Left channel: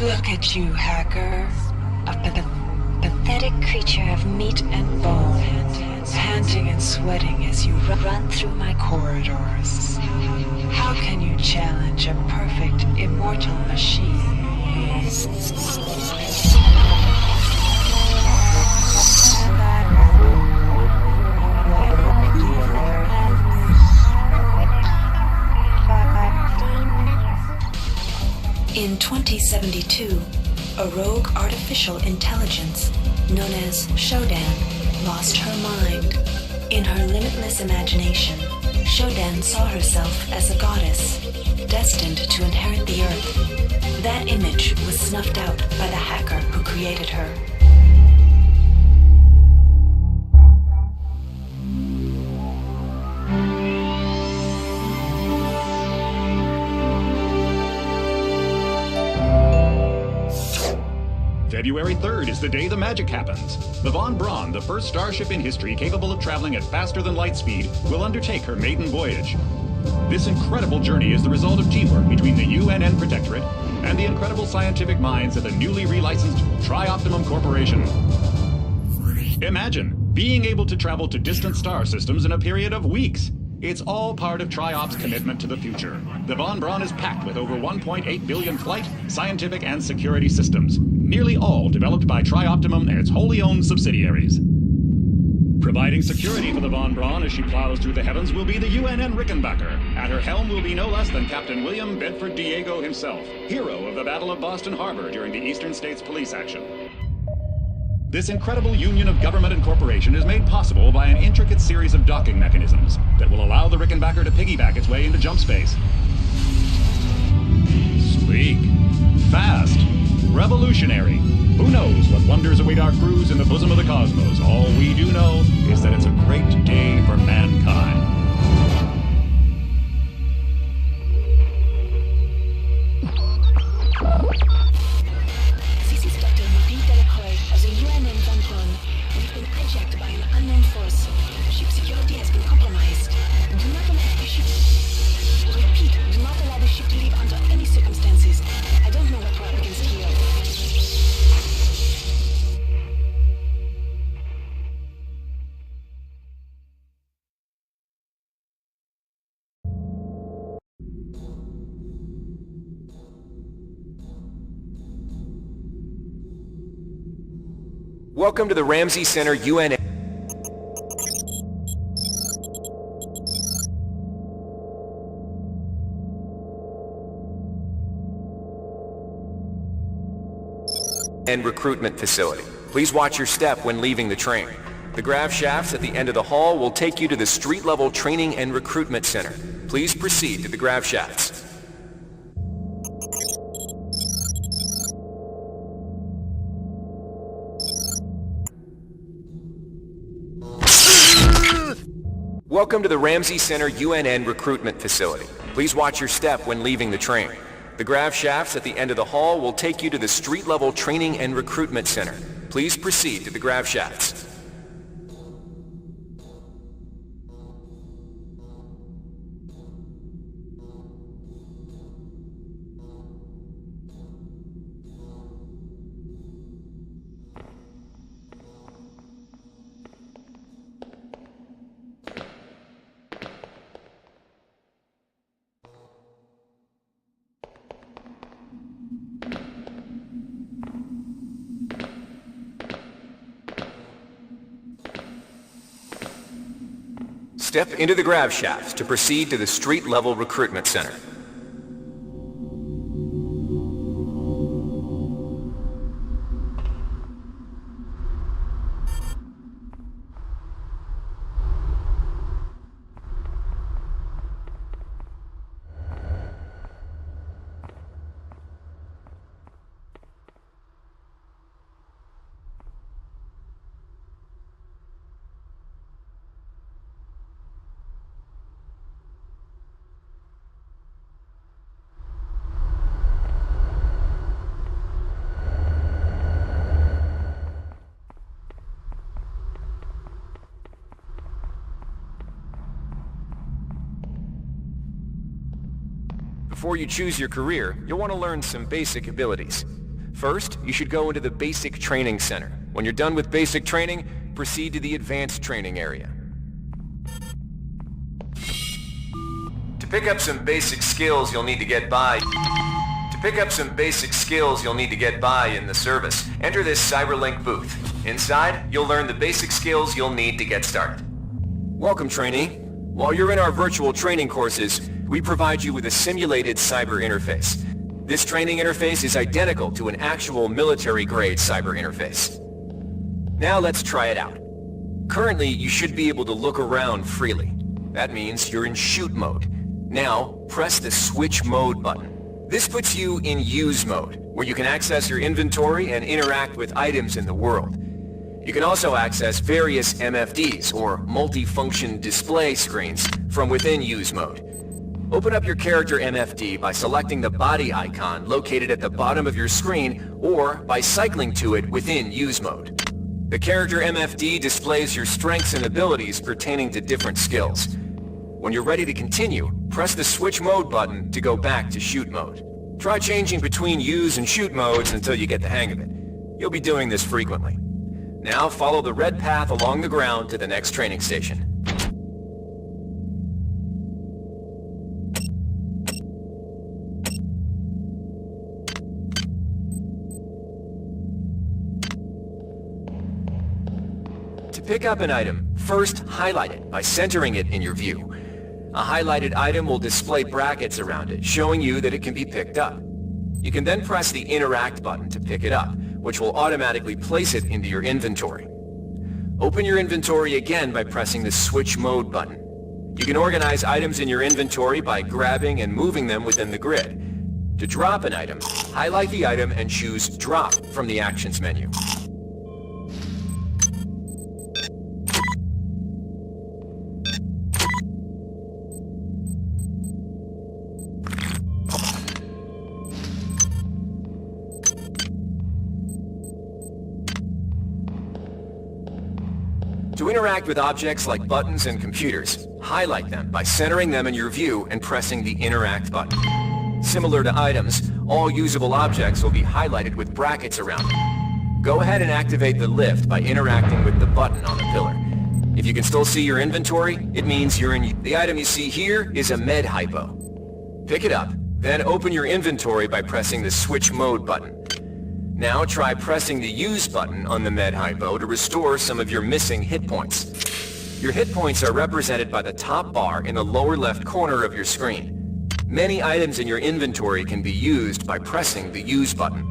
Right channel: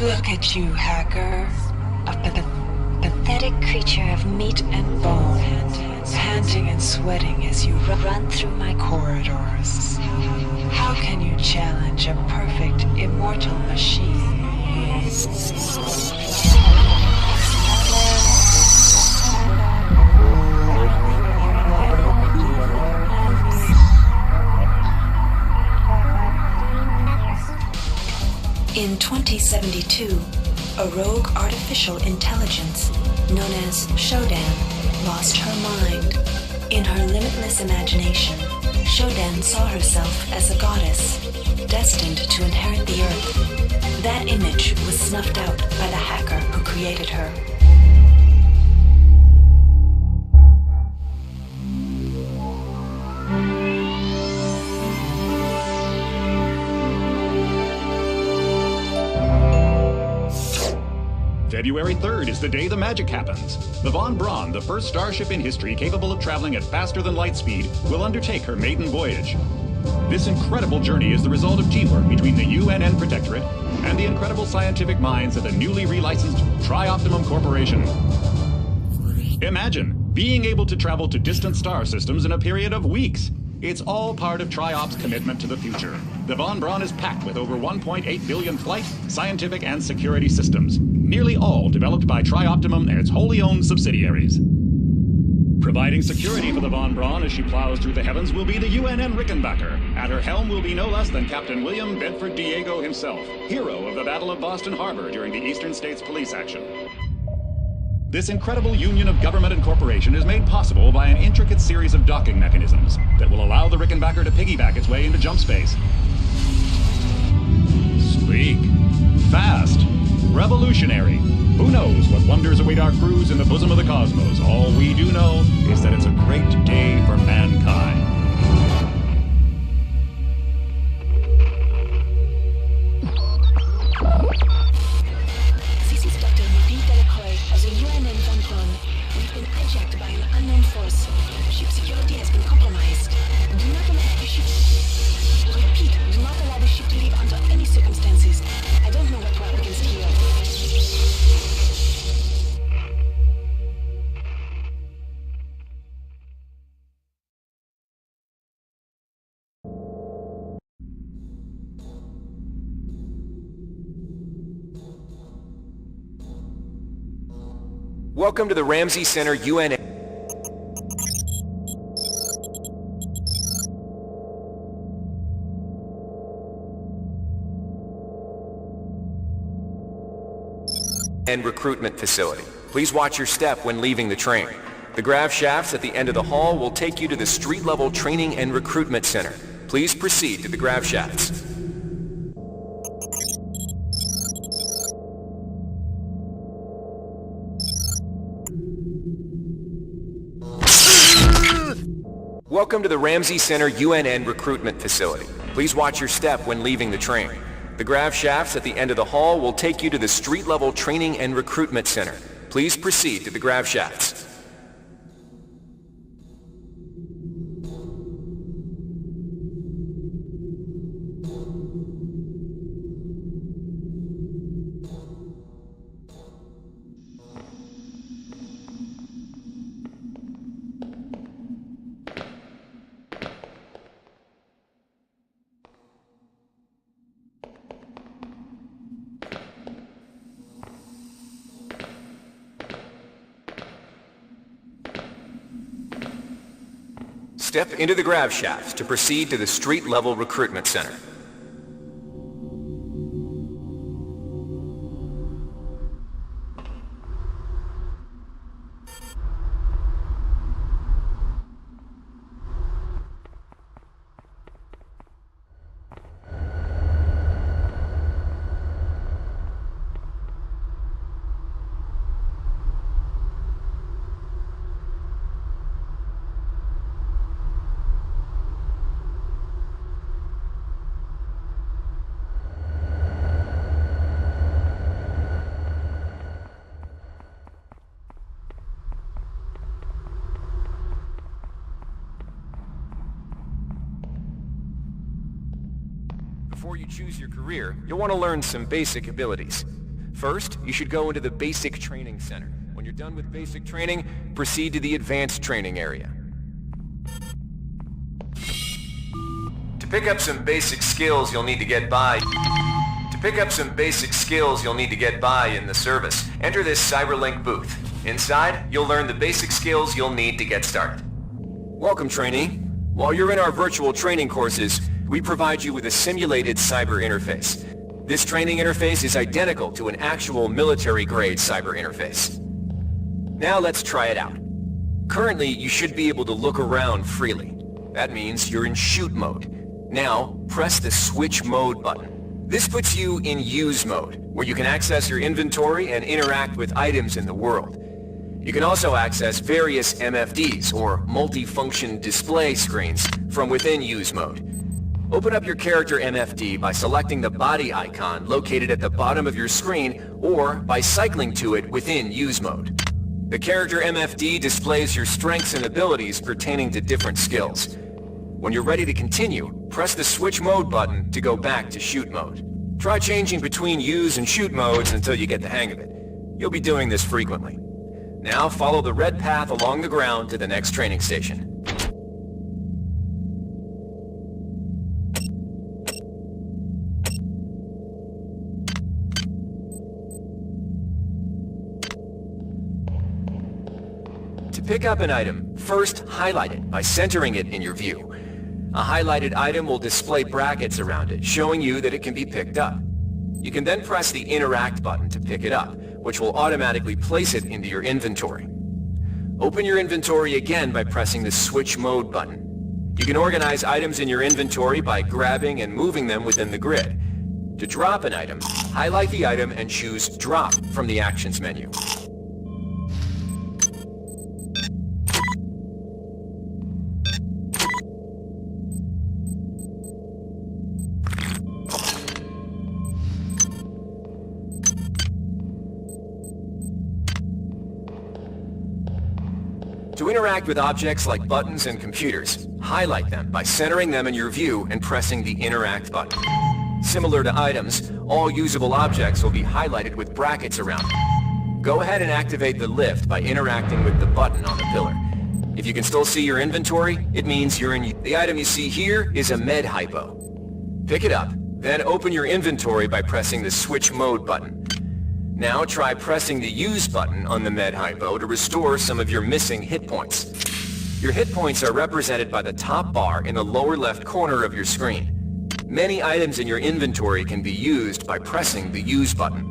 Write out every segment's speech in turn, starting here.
Look at you, hacker. A pathetic creature of meat and bone, panting and sweating as you run through my corridors. How can you challenge a perfect, immortal machine? In 2072, a rogue artificial intelligence known as Shodan lost her mind. In her limitless imagination, Shodan saw herself as a goddess, destined to inherit the earth. That image was snuffed out by the hacker who created her. February 3rd is the day the magic happens. The Von Braun, the first starship in history capable of traveling at faster than light speed, will undertake her maiden voyage. This incredible journey is the result of teamwork between the UNN Protectorate and the incredible scientific minds at the newly relicensed Tri-Optimum Corporation. Imagine being able to travel to distant star systems in a period of weeks. It's all part of Tri-Op's commitment to the future. The Von Braun is packed with over 1.8 billion flight, scientific, and security systems, nearly all developed by Tri-Optimum and its wholly owned subsidiaries. Providing security for the Von Braun as she plows through the heavens will be the UNN Rickenbacker. At her helm will be no less than Captain William Bedford Diego himself, hero of the Battle of Boston Harbor during the Eastern States Police action. This incredible union of government and corporation is made possible by an intricate series of docking mechanisms that will allow the Rickenbacker to piggyback its way into jump space. Sleek, fast, revolutionary. Who knows what wonders await our crews in the bosom of the cosmos? All we do know is that it's a great day for mankind. This is Dr. Mudin Delacroix of the UNN Von Braun. We've been hijacked by an unknown force. Ship security has been compromised. Do not allow the ship... Repeat, do not allow the ship to leave under any circumstances. I don't know what we're up against here. Welcome to the Ramsey Center UNN. And recruitment facility. Please watch your step when leaving the train. The grav shafts at the end of the hall will take you to the street-level training and recruitment center. Please proceed to the grav shafts. Welcome to the Ramsey Center UNN recruitment facility. Please watch your step when leaving the train. The grav shafts at the end of the hall will take you to the street-level training and recruitment center. Please proceed to the grav shafts. Step into the grav shafts to proceed to the street-level recruitment center. Before you choose your career, you'll want to learn some basic abilities. First, you should go into the Basic Training Center. When you're done with basic training, proceed to the Advanced Training area. To pick up some basic skills you'll need to get by in the service, enter this CyberLink booth. Inside, you'll learn the basic skills you'll need to get started. Welcome, trainee. While you're in our virtual training courses, we provide you with a simulated cyber interface. This training interface is identical to an actual military-grade cyber interface. Now let's try it out. Currently, you should be able to look around freely. That means you're in shoot mode. Now, press the switch mode button. This puts you in use mode, where you can access your inventory and interact with items in the world. You can also access various MFDs, or multifunction display screens, from within use mode. Open up your character MFD by selecting the body icon located at the bottom of your screen, or by cycling to it within use mode. The character MFD displays your strengths and abilities pertaining to different skills. When you're ready to continue, press the switch mode button to go back to shoot mode. Try changing between use and shoot modes until you get the hang of it. You'll be doing this frequently. Now follow the red path along the ground to the next training station. To pick up an item, first highlight it by centering it in your view. A highlighted item will display brackets around it, showing you that it can be picked up. You can then press the Interact button to pick it up, which will automatically place it into your inventory. Open your inventory again by pressing the Switch Mode button. You can organize items in your inventory by grabbing and moving them within the grid. To drop an item, highlight the item and choose Drop from the Actions menu. To interact with objects like buttons and computers, highlight them by centering them in your view and pressing the Interact button. Similar to items, all usable objects will be highlighted with brackets around them. Go ahead and activate the lift by interacting with the button on the pillar. If you can still see your inventory, it means you're in. The item you see here is a med hypo. Pick it up, then open your inventory by pressing the Switch Mode button. Now try pressing the Use button on the med hypo to restore some of your missing hit points. Your hit points are represented by the top bar in the lower left corner of your screen. Many items in your inventory can be used by pressing the Use button.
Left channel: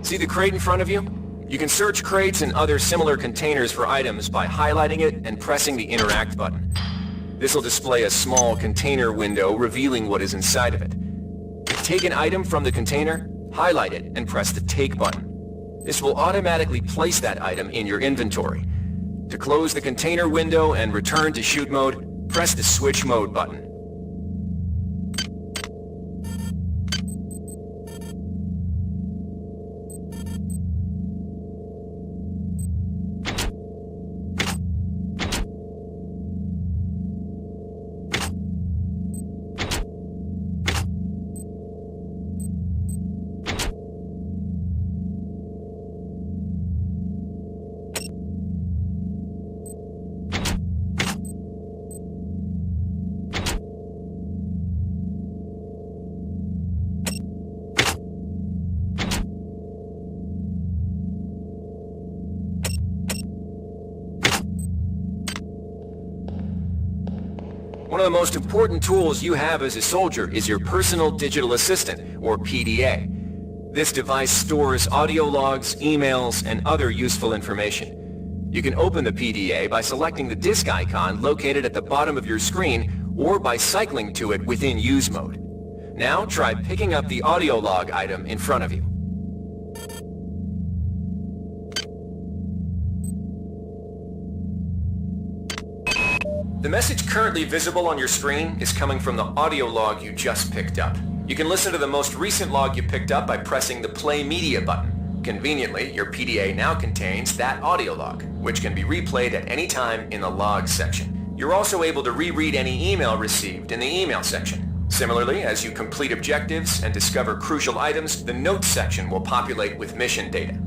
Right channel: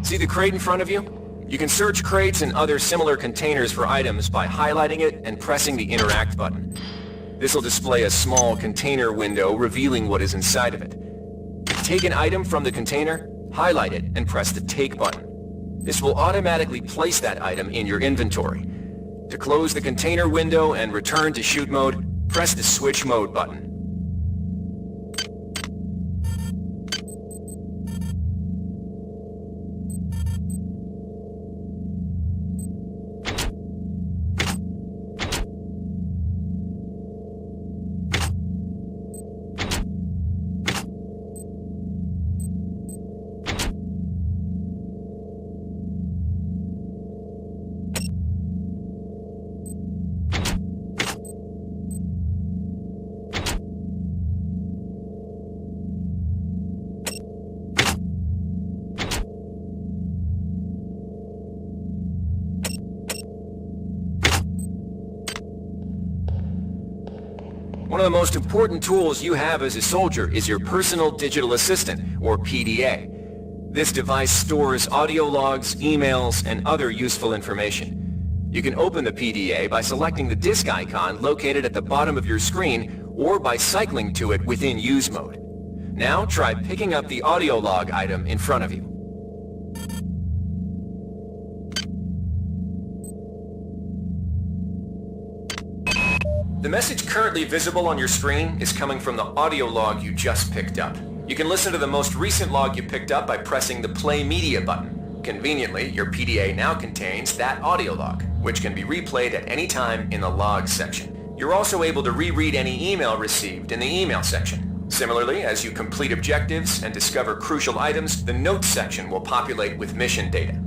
See the crate in front of you? You can search crates and other similar containers for items by highlighting it and pressing the Interact button. This will display a small container window revealing what is inside of it. Take an item from the container, highlight it, and press the Take button. This will automatically place that item in your inventory. To close the container window and return to shoot mode, press the Switch Mode button. One of the most important tools you have as a soldier is your Personal Digital Assistant, or PDA. This device stores audio logs, emails, and other useful information. You can open the PDA by selecting the disk icon located at the bottom of your screen, or by cycling to it within Use mode. Now try picking up the audio log item in front of you. The message currently visible on your screen is coming from the audio log you just picked up. You can listen to the most recent log you picked up by pressing the Play Media button. Conveniently, your PDA now contains that audio log, which can be replayed at any time in the Logs section. You're also able to reread any email received in the email section. Similarly, as you complete objectives and discover crucial items, the notes section will populate with mission data.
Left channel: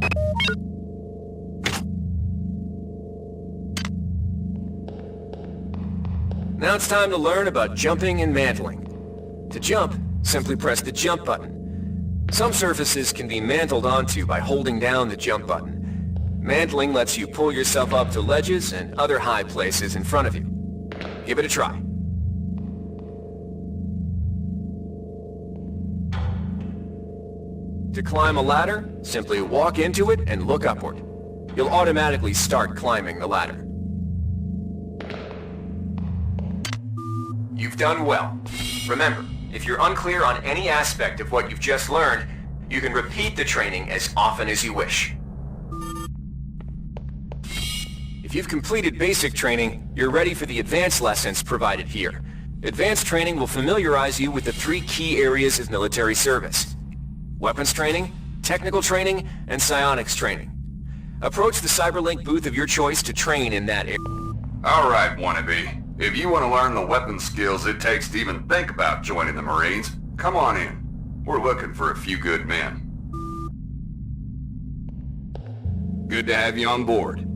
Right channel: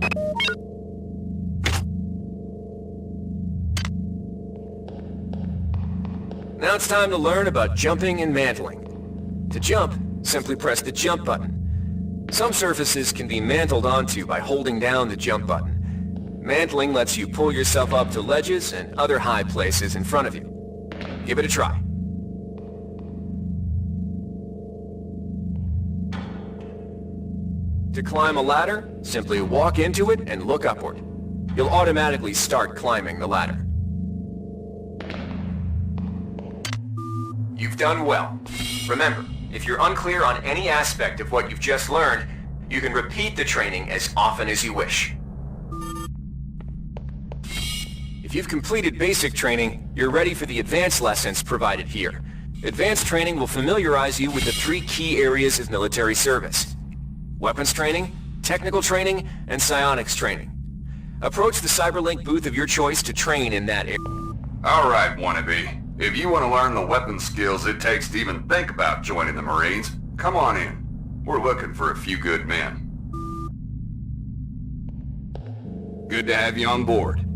Now it's time to learn about jumping and mantling. To jump, simply press the jump button. Some surfaces can be mantled onto by holding down the jump button. Mantling lets you pull yourself up to ledges and other high places in front of you. Give it a try. To climb a ladder, simply walk into it and look upward. You'll automatically start climbing the ladder. You've done well. Remember, if you're unclear on any aspect of what you've just learned, you can repeat the training as often as you wish. If you've completed basic training, you're ready for the advanced lessons provided here. Advanced training will familiarize you with the 3 key areas of military service: weapons training, technical training, and psionics training. Approach the Cyberlink booth of your choice to train in that area. Alright, wannabe. If you want to learn the weapon skills it takes to even think about joining the Marines, come on in. We're looking for a few good men. Good to have you on board.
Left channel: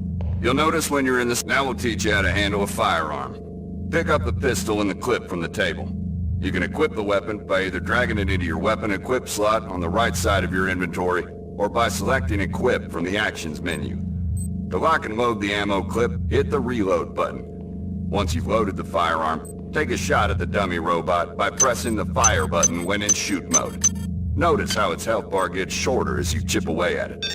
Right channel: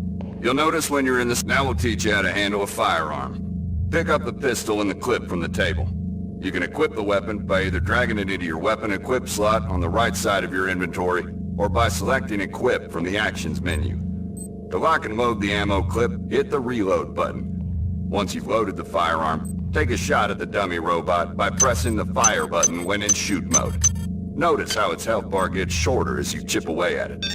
You'll notice when you're in this... Now we'll teach you how to handle a firearm. Pick up the pistol and the clip from the table. You can equip the weapon by either dragging it into your weapon equip slot on the right side of your inventory, or by selecting Equip from the Actions menu. To lock and load the ammo clip, hit the Reload button. Once you've loaded the firearm, take a shot at the dummy robot by pressing the fire button when in shoot mode. Notice how its health bar gets shorter as you chip away at it.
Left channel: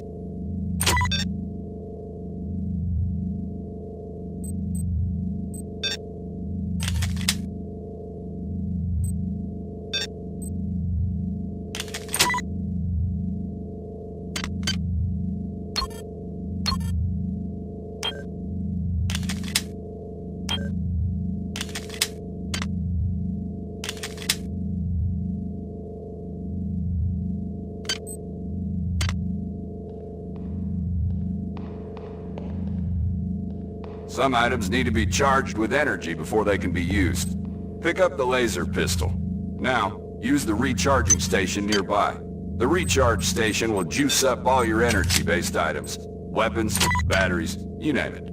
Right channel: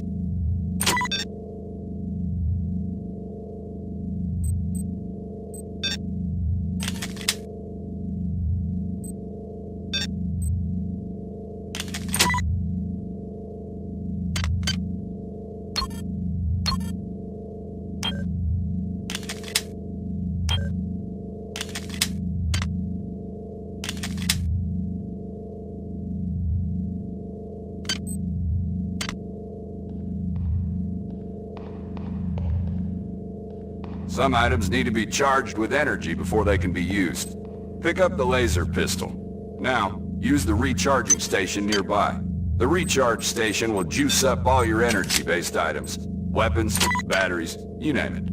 Some items need to be charged with energy before they can be used. Pick up the laser pistol. Now, use the recharging station nearby. The recharge station will juice up all your energy-based items. Weapons, batteries, you name it.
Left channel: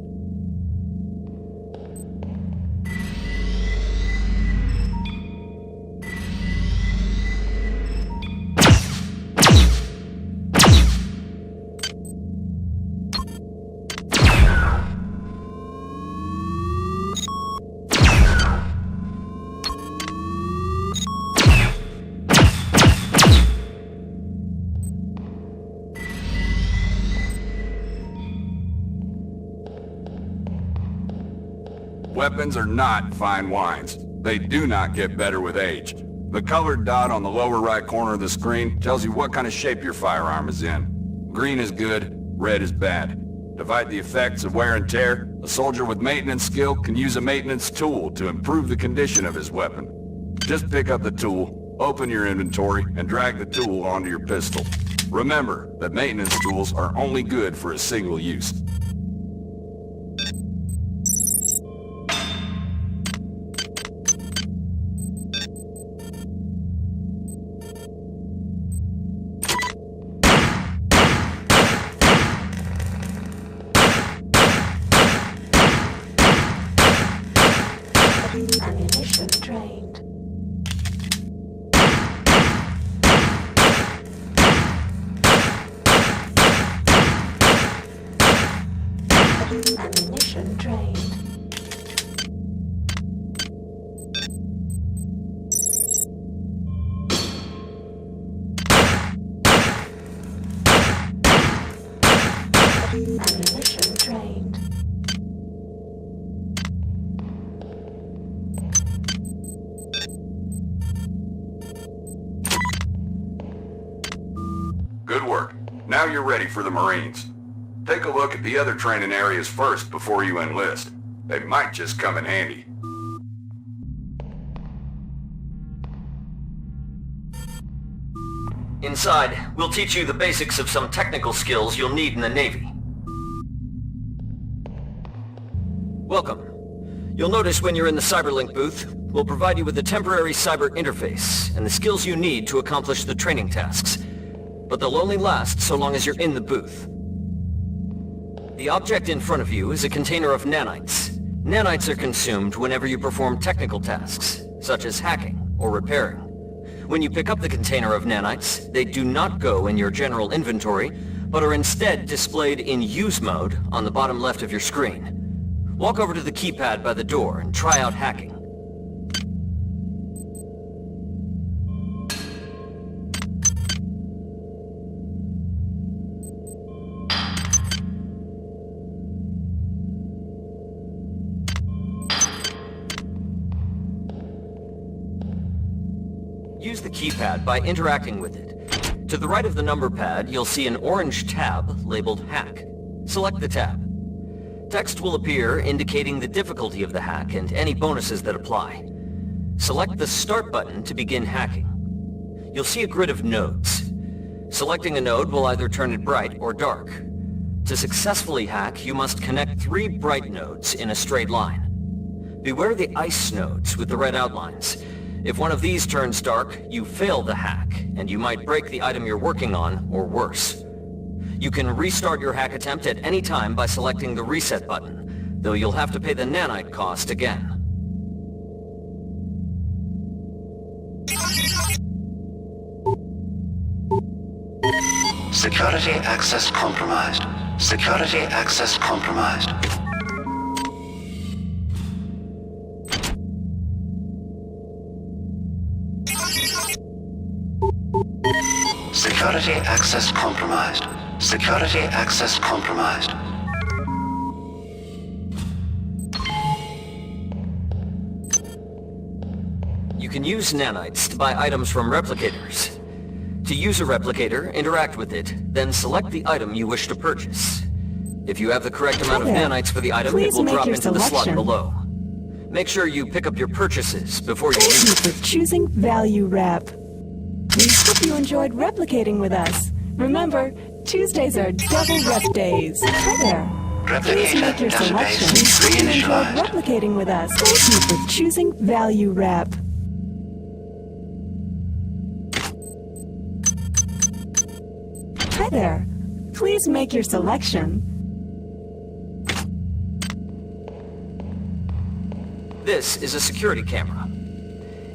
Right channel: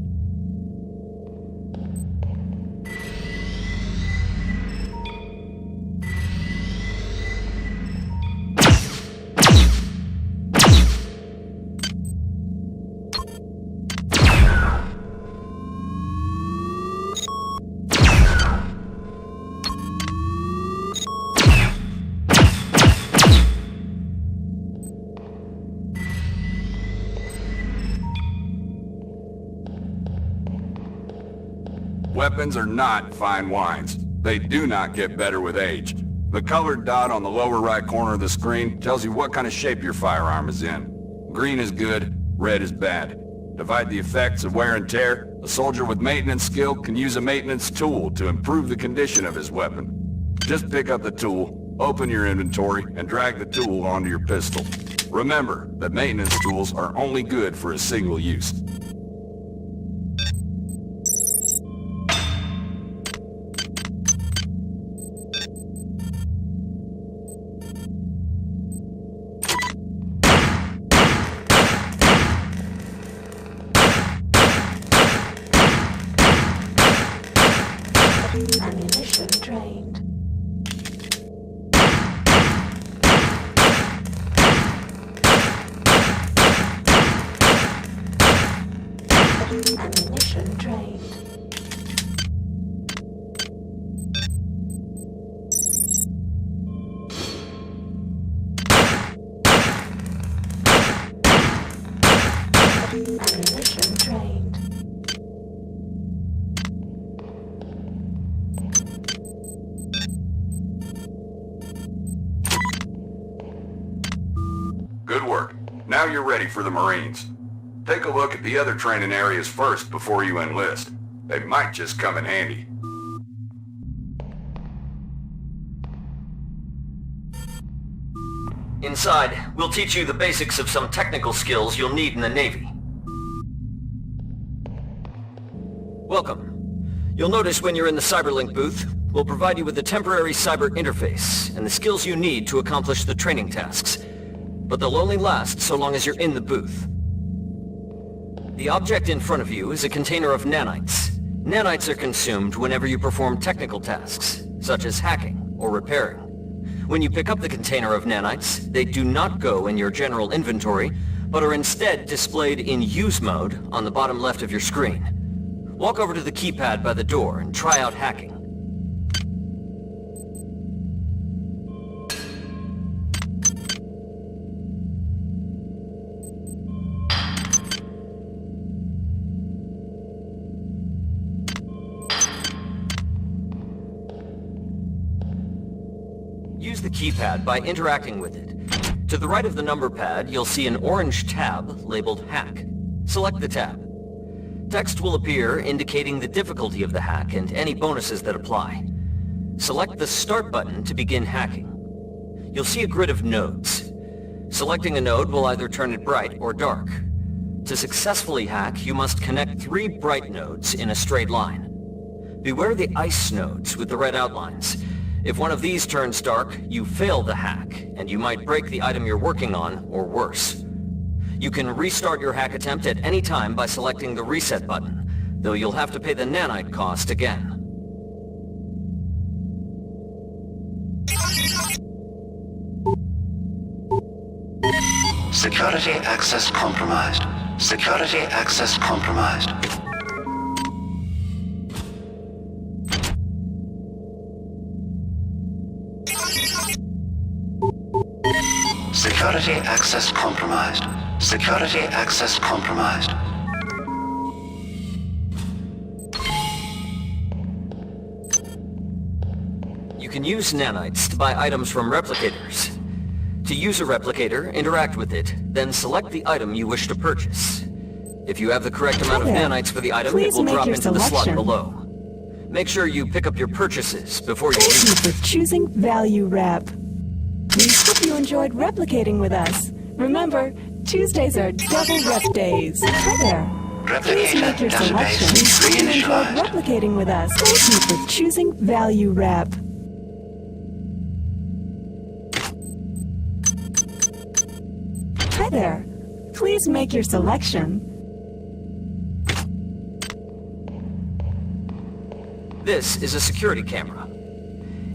Weapons are not fine wines. They do not get better with age. The colored dot on the lower right corner of the screen tells you what kind of shape your firearm is in. Green is good, red is bad. To fight the effects of wear and tear, a soldier with maintenance skill can use a maintenance tool to improve the condition of his weapon. Just pick up the tool, open your inventory, and drag the tool onto your pistol. Remember that maintenance tools are only good for a single use. Ammunition drained. Ammunition drained. Ammunition drained. Good work. Now you're ready for the Marines. Take a look at the other training areas first before you enlist. They might just come in handy. Inside, we'll teach you the basics of some technical skills you'll need in the Navy. Welcome. You'll notice when you're in the Cyberlink booth, we'll provide you with a temporary cyber interface and the skills you need to accomplish the training tasks. But they'll only last so long as you're in the booth. The object in front of you is a container of nanites. Nanites are consumed whenever you perform technical tasks, such as hacking or repairing. When you pick up the container of nanites, they do not go in your general inventory, but are instead displayed in use mode on the bottom left of your screen. Walk over to the keypad by the door and try out hacking. Use the keypad by interacting with it. To the right of the number pad, you'll see an orange tab labeled Hack. Select the tab. Text will appear indicating the difficulty of the hack and any bonuses that apply. Select the Start button to begin hacking. You'll see a grid of nodes. Selecting a node will either turn it bright or dark. To successfully hack, you must connect 3 bright nodes in a straight line. Beware the ice nodes with the red outlines. If one of these turns dark, you fail the hack, and you might break the item you're working on, or worse. You can restart your hack attempt at any time by selecting the Reset button, though you'll have to pay the nanite cost again. Security access compromised. Security access compromised. Security access compromised. Security access compromised. You can use nanites to buy items from replicators. To use a replicator, interact with it, then select the item you wish to purchase. If you have the correct amount of nanites for the item, it will drop into the slot below. Make sure you pick up your purchases before you Thank leave. you for choosing Value Rep. We hope you enjoyed replicating with us. Remember, Tuesdays are double rep days. Hi there. Please Replicator make your selection. database We enjoyed reinitialized. replicating with us. Thank you for choosing Value Rep. Hi there. Please make your selection. This is a security camera.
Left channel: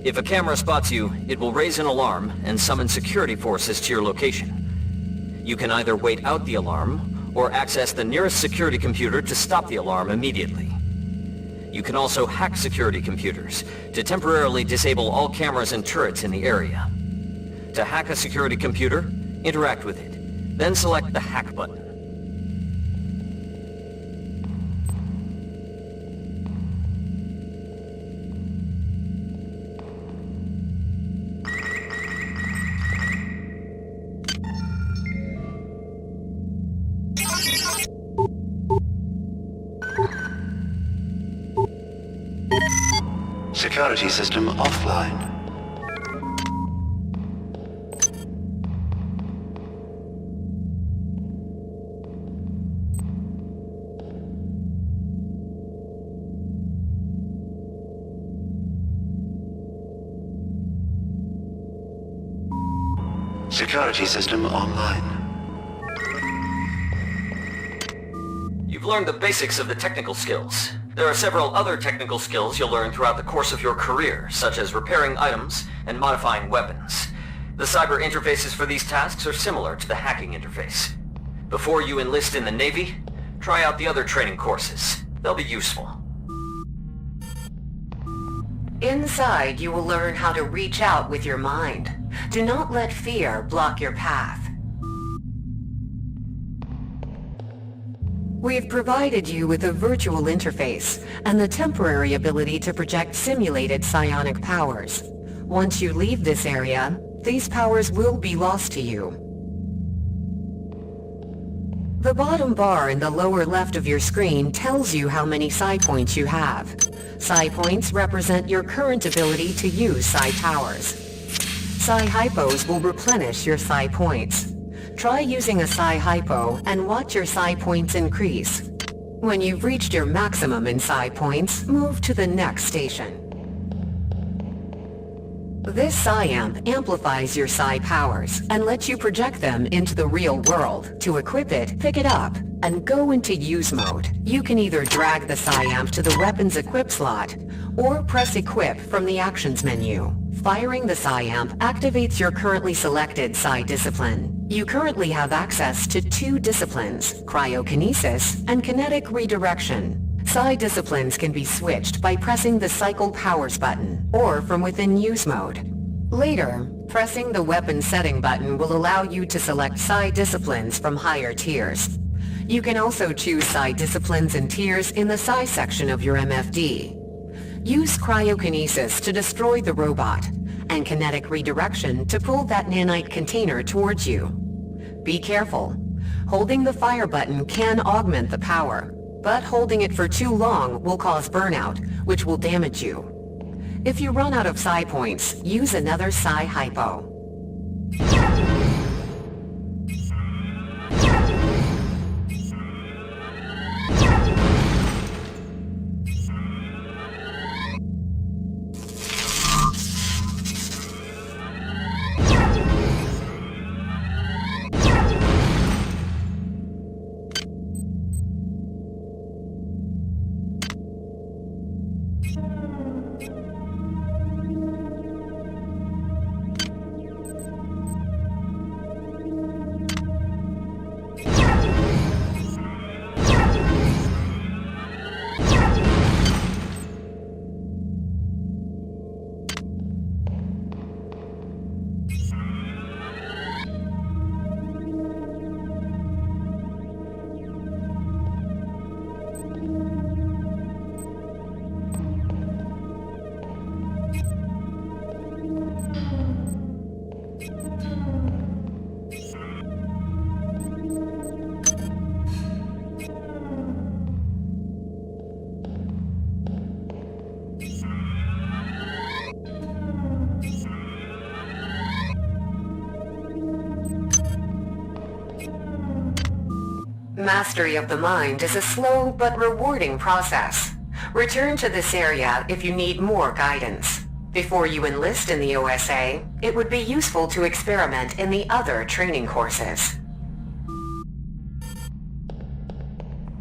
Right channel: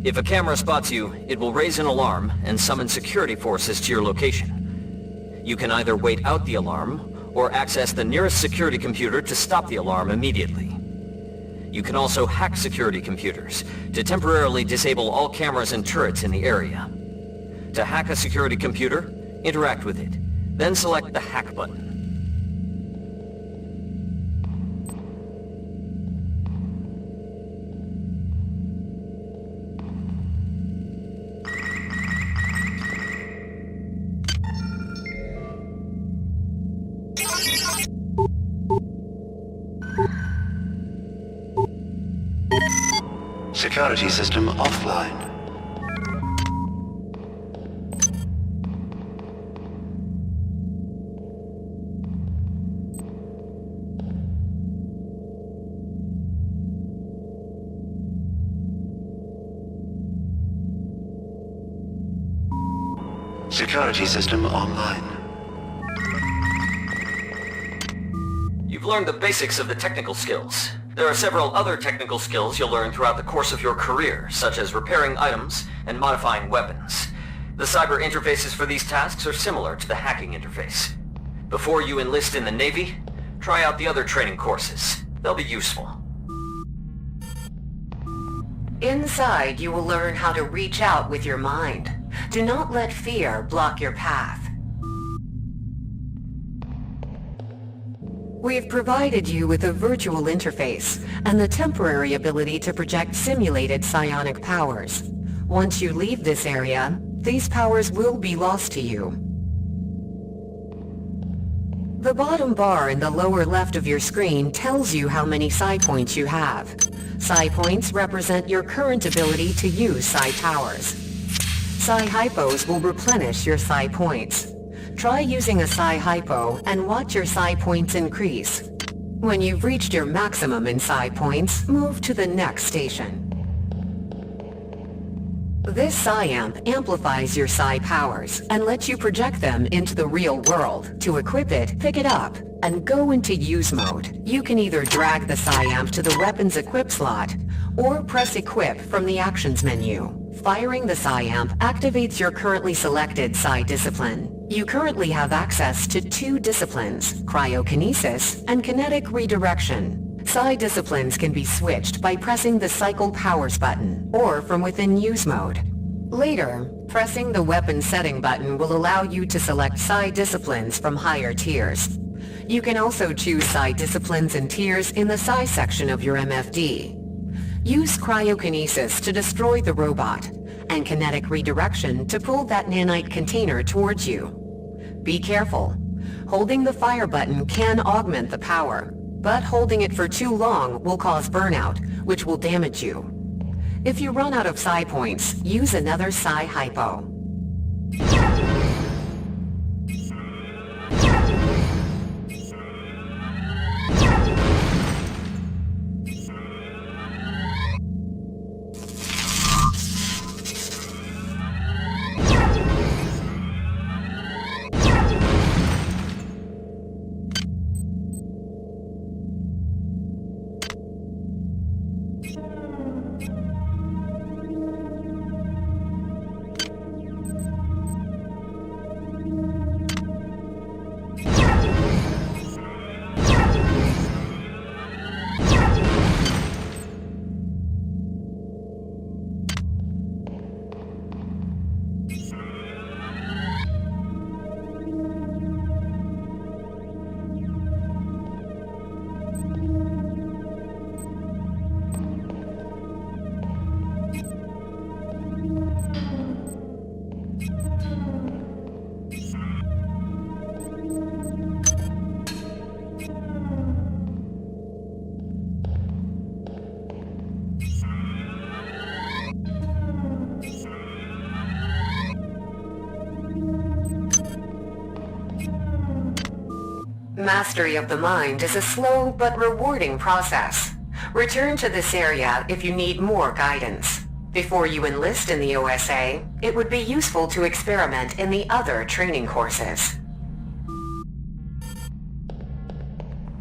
If a camera spots you, it will raise an alarm and summon security forces to your location. You can either wait out the alarm, or access the nearest security computer to stop the alarm immediately. You can also hack security computers to temporarily disable all cameras and turrets in the area. To hack a security computer, interact with it, then select the Hack button. Security system offline. Security system online. You've learned the basics of the technical skills. There are several other technical skills you'll learn throughout the course of your career, such as repairing items and modifying weapons. The cyber interfaces for these tasks are similar to the hacking interface. Before you enlist in the Navy, try out the other training courses. They'll be useful. Inside, you will learn how to reach out with your mind. Do not let fear block your path. We've provided you with a virtual interface and the temporary ability to project simulated psionic powers. Once you leave this area, these powers will be lost to you. The bottom bar in the lower left of your screen tells you how many psi points you have. Psi points represent your current ability to use psi powers. Psi hypos will replenish your psi points. Try using a psi hypo and watch your psi points increase. When you've reached your maximum in psi points, move to the next station. This psi amp amplifies your psi powers and lets you project them into the real world. To equip it, pick it up and go into use mode. You can either drag the psi amp to the weapon's equip slot or press equip from the actions menu. Firing the psi amp activates your currently selected psi discipline. You currently have access to 2 disciplines, cryokinesis and kinetic redirection. Psi disciplines can be switched by pressing the Cycle Powers button, or from within use mode. Later, pressing the weapon setting button will allow you to select Psi disciplines from higher tiers. You can also choose Psi disciplines and tiers in the Psi section of your MFD. Use cryokinesis to destroy the robot, and kinetic redirection to pull that nanite container towards you. Be careful. Holding the fire button can augment the power, but holding it for too long will cause burnout, which will damage you. If you run out of psi points, use another psi hypo. Mastery of the mind is a slow but rewarding process. Return to this area if you need more guidance. Before you enlist in the OSA, it would be useful to experiment in the other training courses.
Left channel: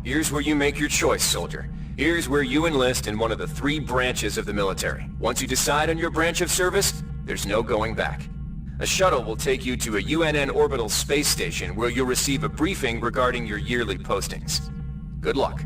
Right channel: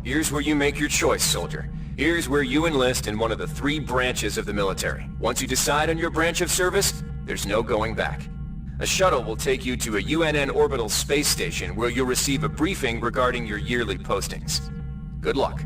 Here's where you make your choice, soldier. Here's where you enlist in one of the 3 branches of the military. Once you decide on your branch of service, there's no going back. A shuttle will take you to a UNN orbital space station where you'll receive a briefing regarding your yearly postings. Good luck.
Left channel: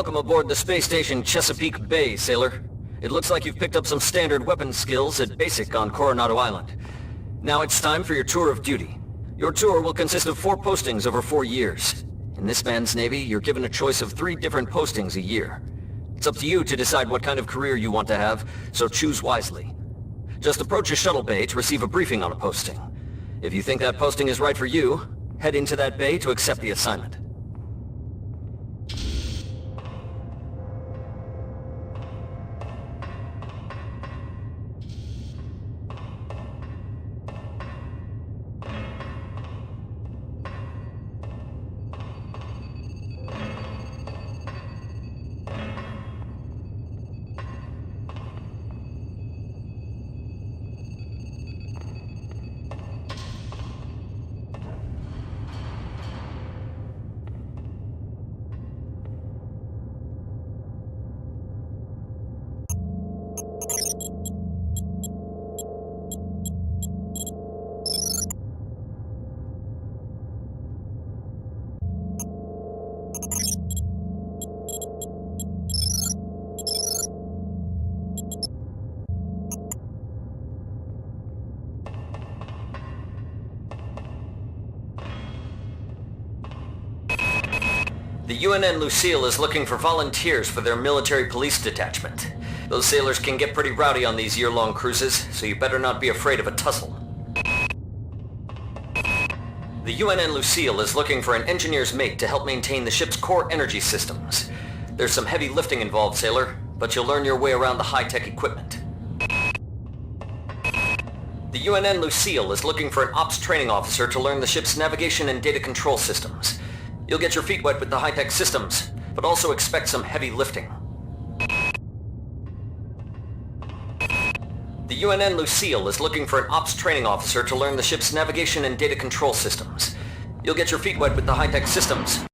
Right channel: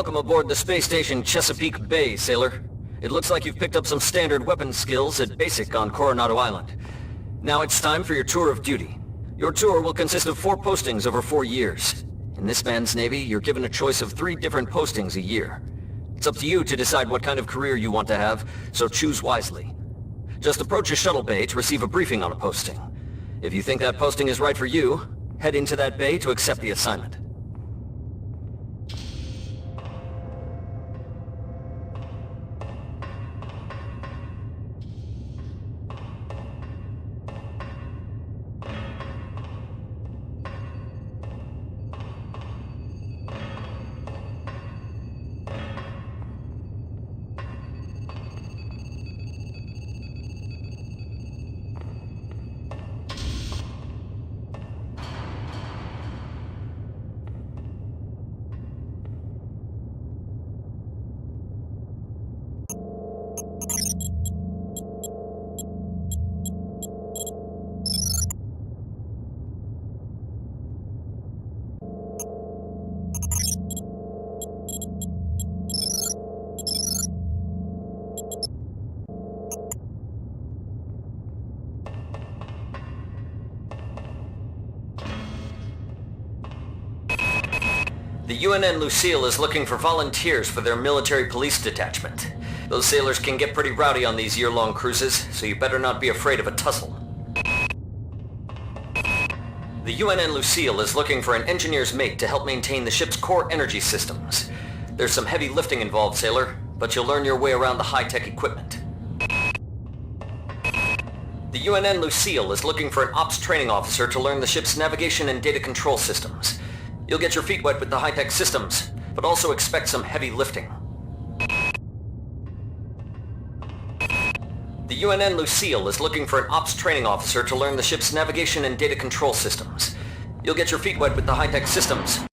Welcome aboard the space station Chesapeake Bay, sailor. It looks like you've picked up some standard weapons skills at Basic on Coronado Island. Now it's time for your tour of duty. Your tour will consist of 4 postings over 4 years. In this man's Navy, you're given a choice of 3 different postings a year. It's up to you to decide what kind of career you want to have, so choose wisely. Just approach a shuttle bay to receive a briefing on a posting. If you think that posting is right for you, head into that bay to accept the assignment. The UNN Lucille is looking for volunteers for their military police detachment. Those sailors can get pretty rowdy on these year-long cruises, so you better not be afraid of a tussle. The UNN Lucille is looking for an engineer's mate to help maintain the ship's core energy systems. There's some heavy lifting involved, sailor, but you'll learn your way around the high-tech equipment. The UNN Lucille is looking for an ops training officer to learn the ship's navigation and data control systems. You'll get your feet wet with the high-tech systems, but also expect some heavy lifting. The UNN Lucille is looking for an ops training officer to learn the ship's navigation and data control systems. You'll get your feet wet with the high-tech systems.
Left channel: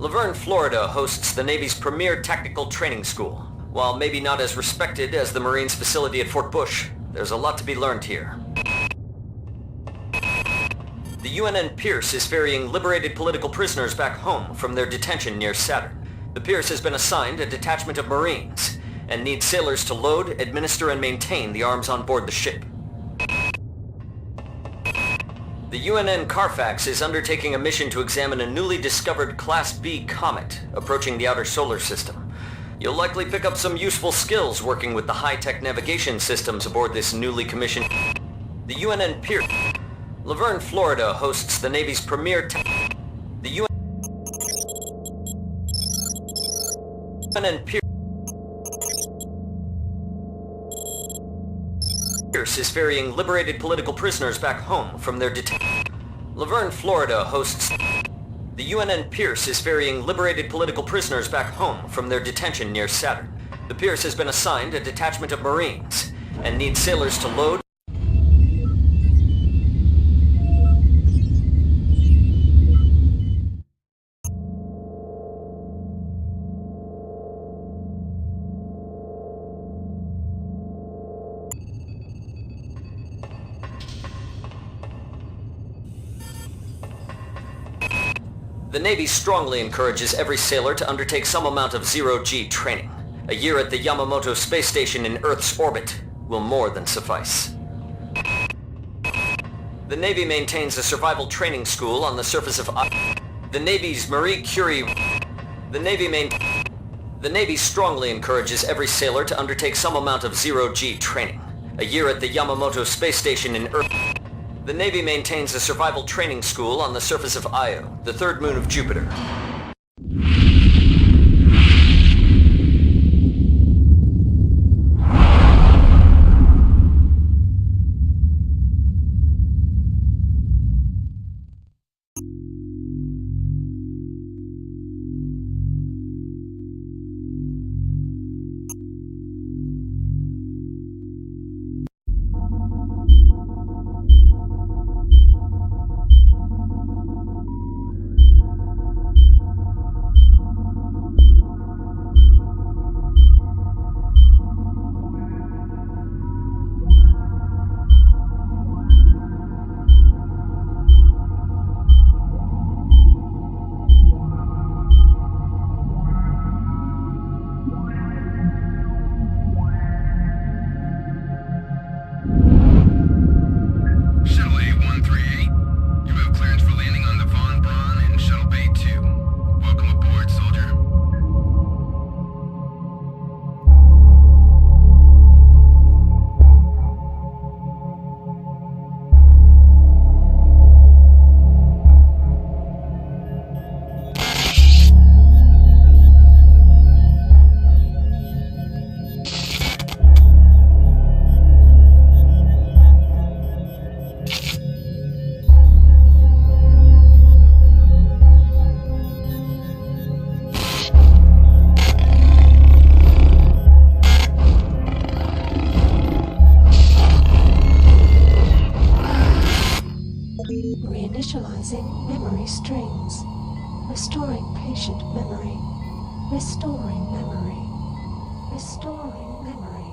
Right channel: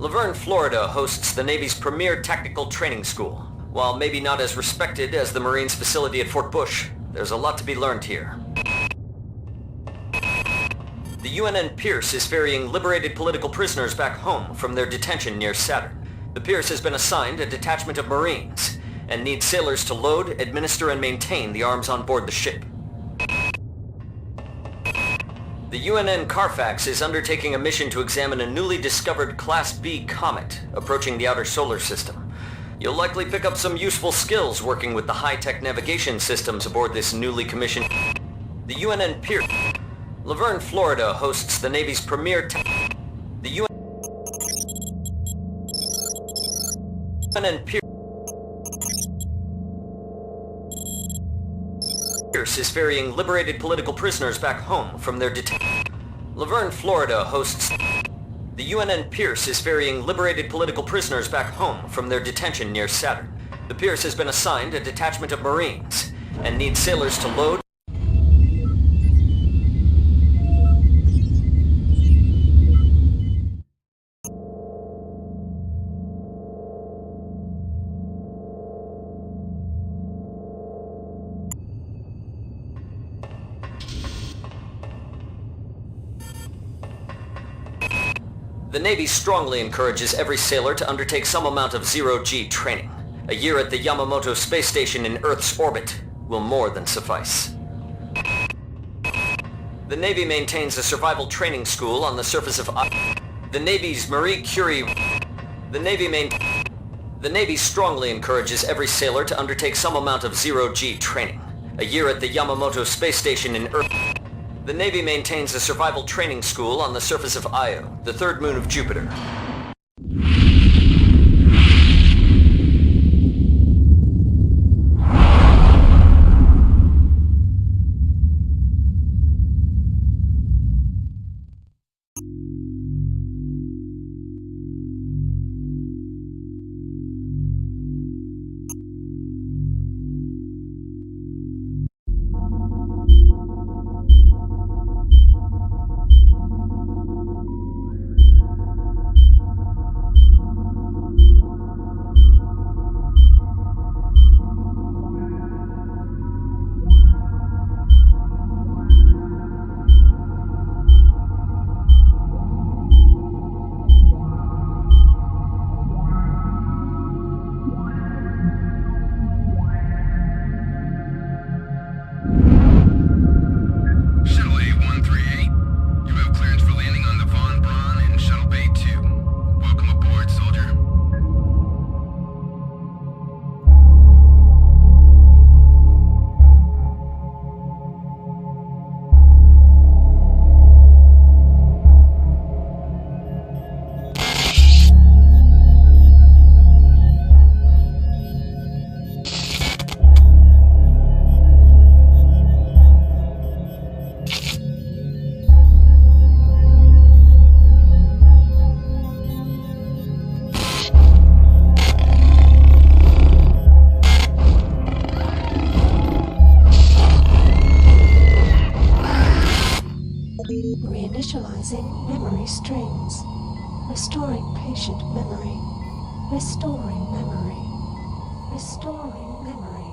Laverne, Florida hosts the Navy's premier tactical training school. While maybe not as respected as the Marines facility at Fort Bush, there's a lot to be learned here. The UNN Pierce is ferrying liberated political prisoners back home from their detention near Saturn. The Pierce has been assigned a detachment of Marines and needs sailors to load, administer, and maintain the arms on board the ship. The UNN Carfax is undertaking a mission to examine a newly discovered Class B comet approaching the outer solar system. You'll likely pick up some useful skills working with the high-tech navigation systems aboard this newly commissioned... The UNN Pierce... Laverne, Florida hosts the Navy's premier... The UNN Pierce is ferrying liberated political prisoners back home from their detention. Laverne, Florida hosts... The UNN Pierce is ferrying liberated political prisoners back home from their detention near Saturn. The Pierce has been assigned a detachment of Marines and needs sailors to load... The Navy strongly encourages every sailor to undertake some amount of zero-G training. A year at the Yamamoto space station in Earth's orbit will more than suffice. The Navy maintains a survival training school on the surface of the Navy's Marie Curie... The Navy strongly encourages every sailor to undertake some amount of zero-G training. A year at the Yamamoto space station in Earth... The Navy maintains a survival training school on the surface of Io, the third moon of Jupiter. Analyzing memory strings. Restoring patient memory. Restoring memory. Restoring memory.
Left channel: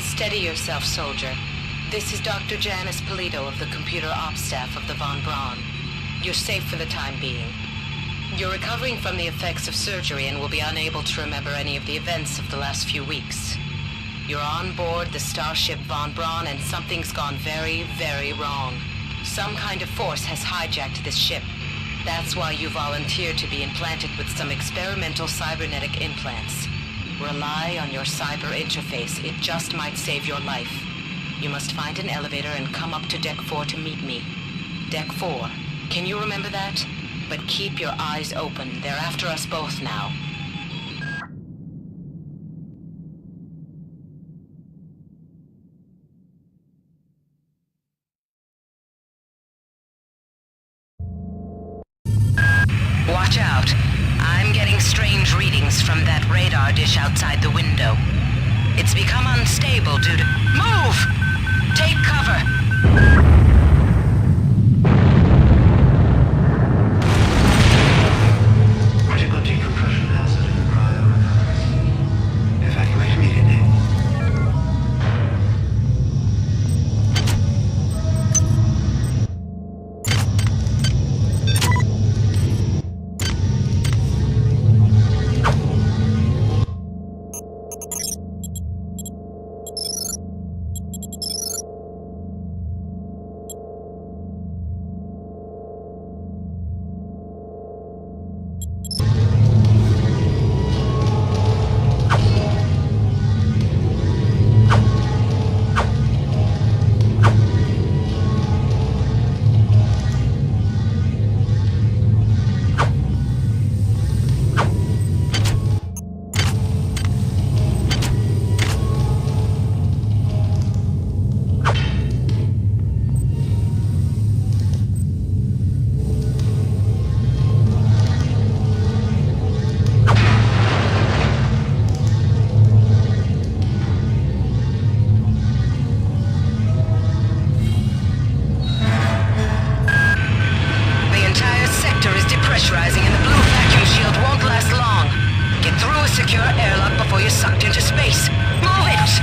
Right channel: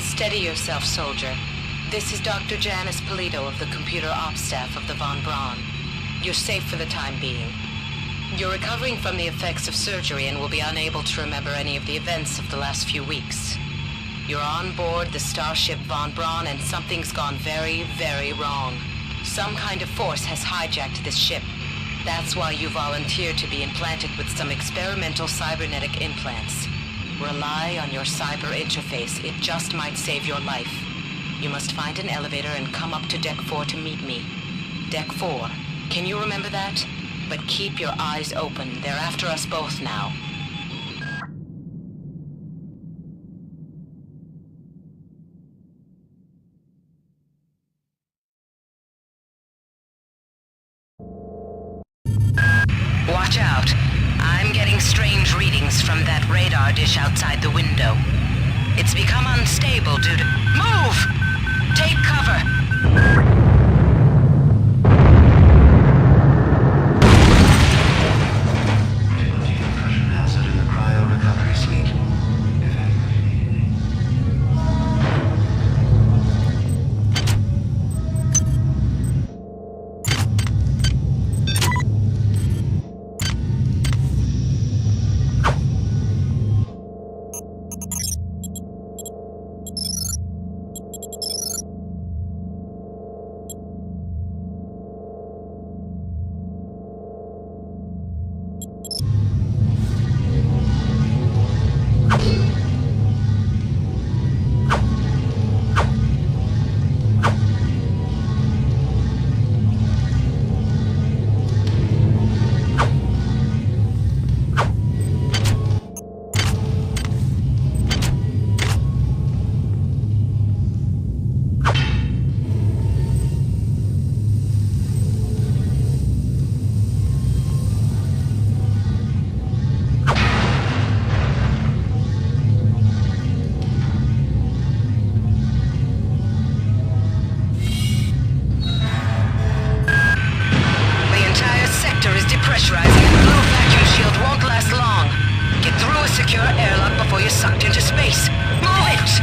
Steady yourself, soldier. This is Dr. Janice Polito of the Computer Ops Staff of the Von Braun. You're safe for the time being. You're recovering from the effects of surgery and will be unable to remember any of the events of the last few weeks. You're on board the starship Von Braun and something's gone very, very wrong. Some kind of force has hijacked this ship. That's why you volunteered to be implanted with some experimental cybernetic implants. Rely on your cyber interface. It just might save your life. You must find an elevator and come up to Deck 4 to meet me. Deck 4. Can you remember that? But keep your eyes open. They're after us both now. Watch out. I'm getting strange readings from that radar dish outside the window. It's become unstable due to... Move! Take cover! Critical decompression hazard in the cryo recovery suite. Evacuate immediately. Pressurizing and the blue vacuum shield won't last long. Get through a secure airlock before you're sucked into space. Move it!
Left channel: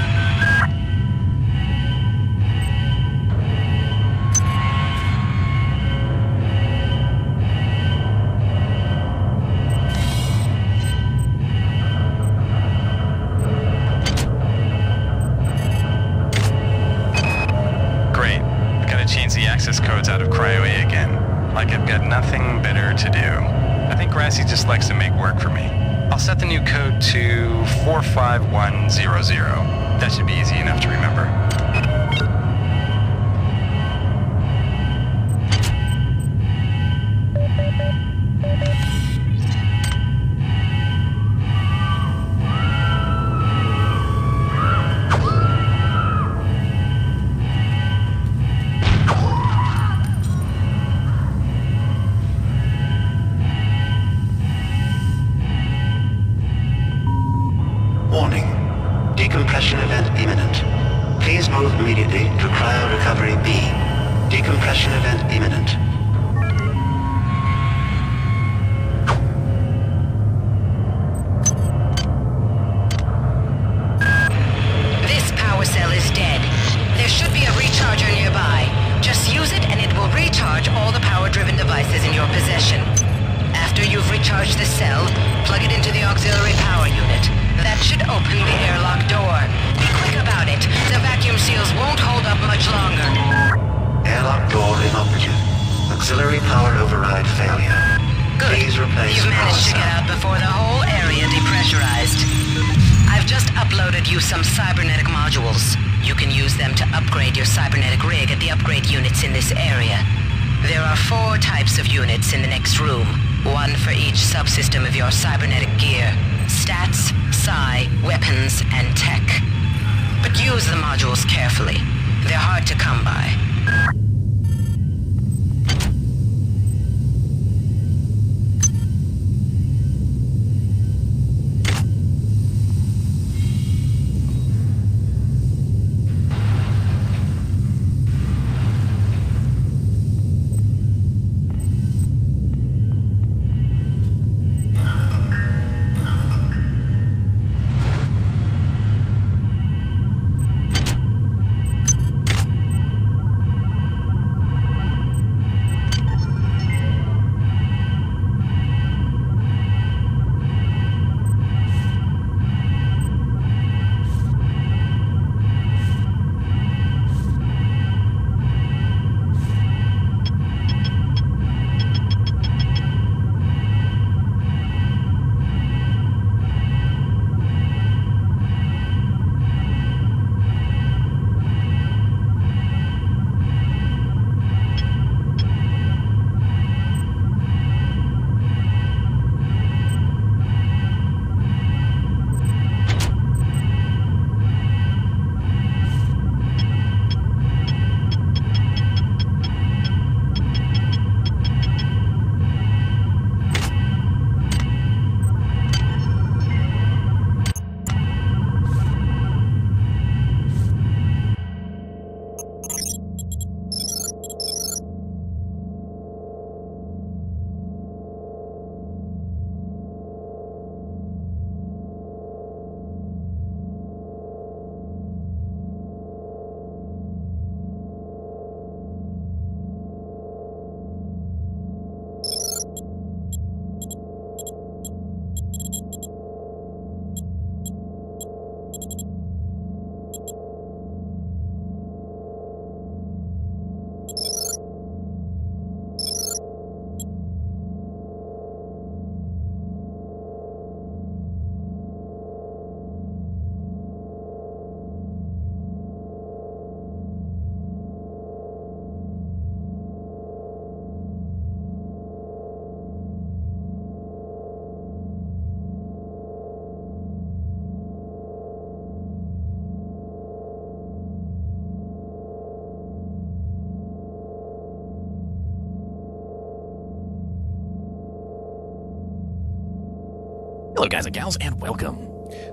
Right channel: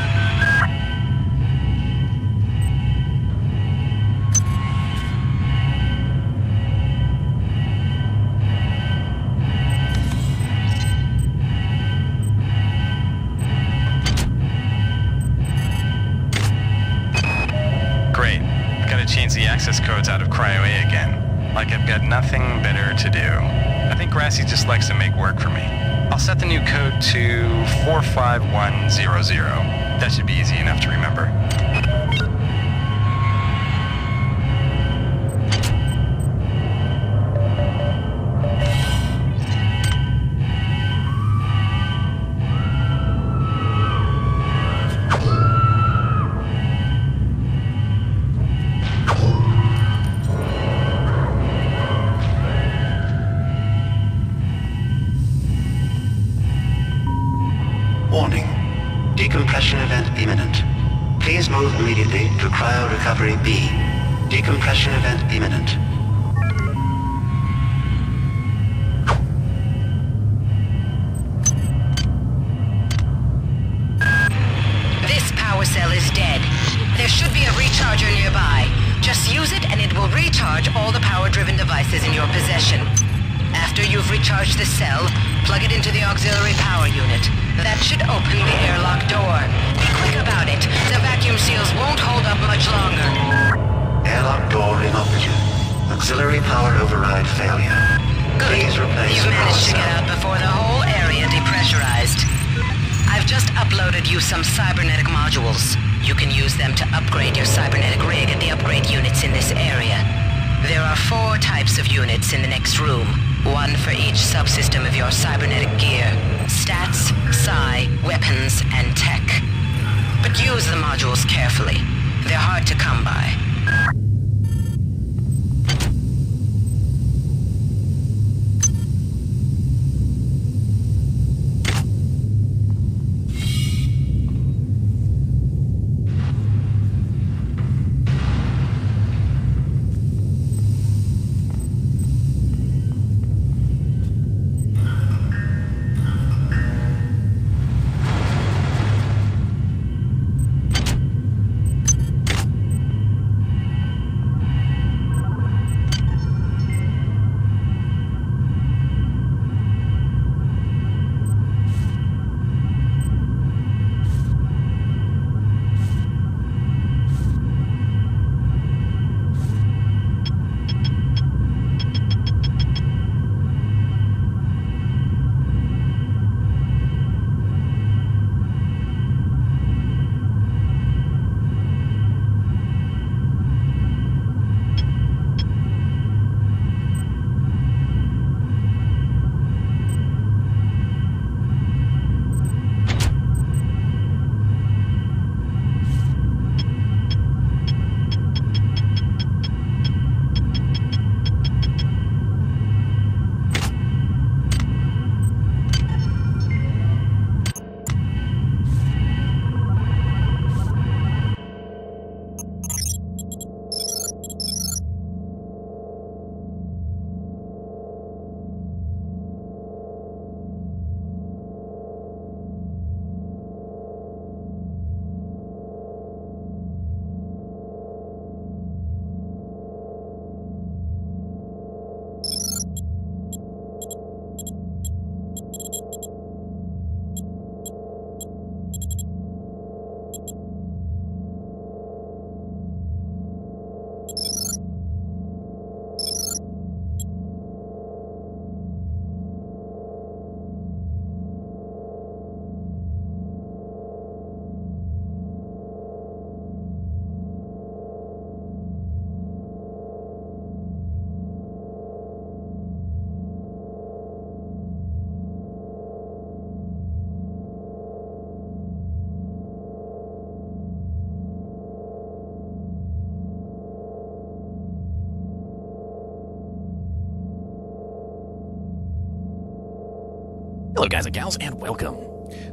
Great. I've got to change the access codes out of Cryo A again. Like I've got nothing better to do. I think Grassy just likes to make work for me. I'll set the new code to 45100. That should be easy enough to remember. Warning. Decompression event imminent. Please move immediately to cryo recovery B. Decompression event imminent. This power cell is dead. There should be a recharger nearby. Just use it and it will recharge all the power-driven devices in your possession. After you've recharged the cell, plug it into the auxiliary power unit. That should open the airlock door. Be quick about it. The vacuum seals won't hold up much longer. Airlock door inoperative. Auxiliary power override failure. Good. Please replace You've managed to get out before the whole area depressurized. I've just uploaded you some cybernetic modules. You can use them to upgrade your cybernetic rig at the upgrade units in this area. There are 4 types of units in the next room. 1 for each subsystem of your cybernetic gear. Stats, psi, weapons, and tech. But use the modules carefully. They're hard to come by. Hello guys and gals, and welcome.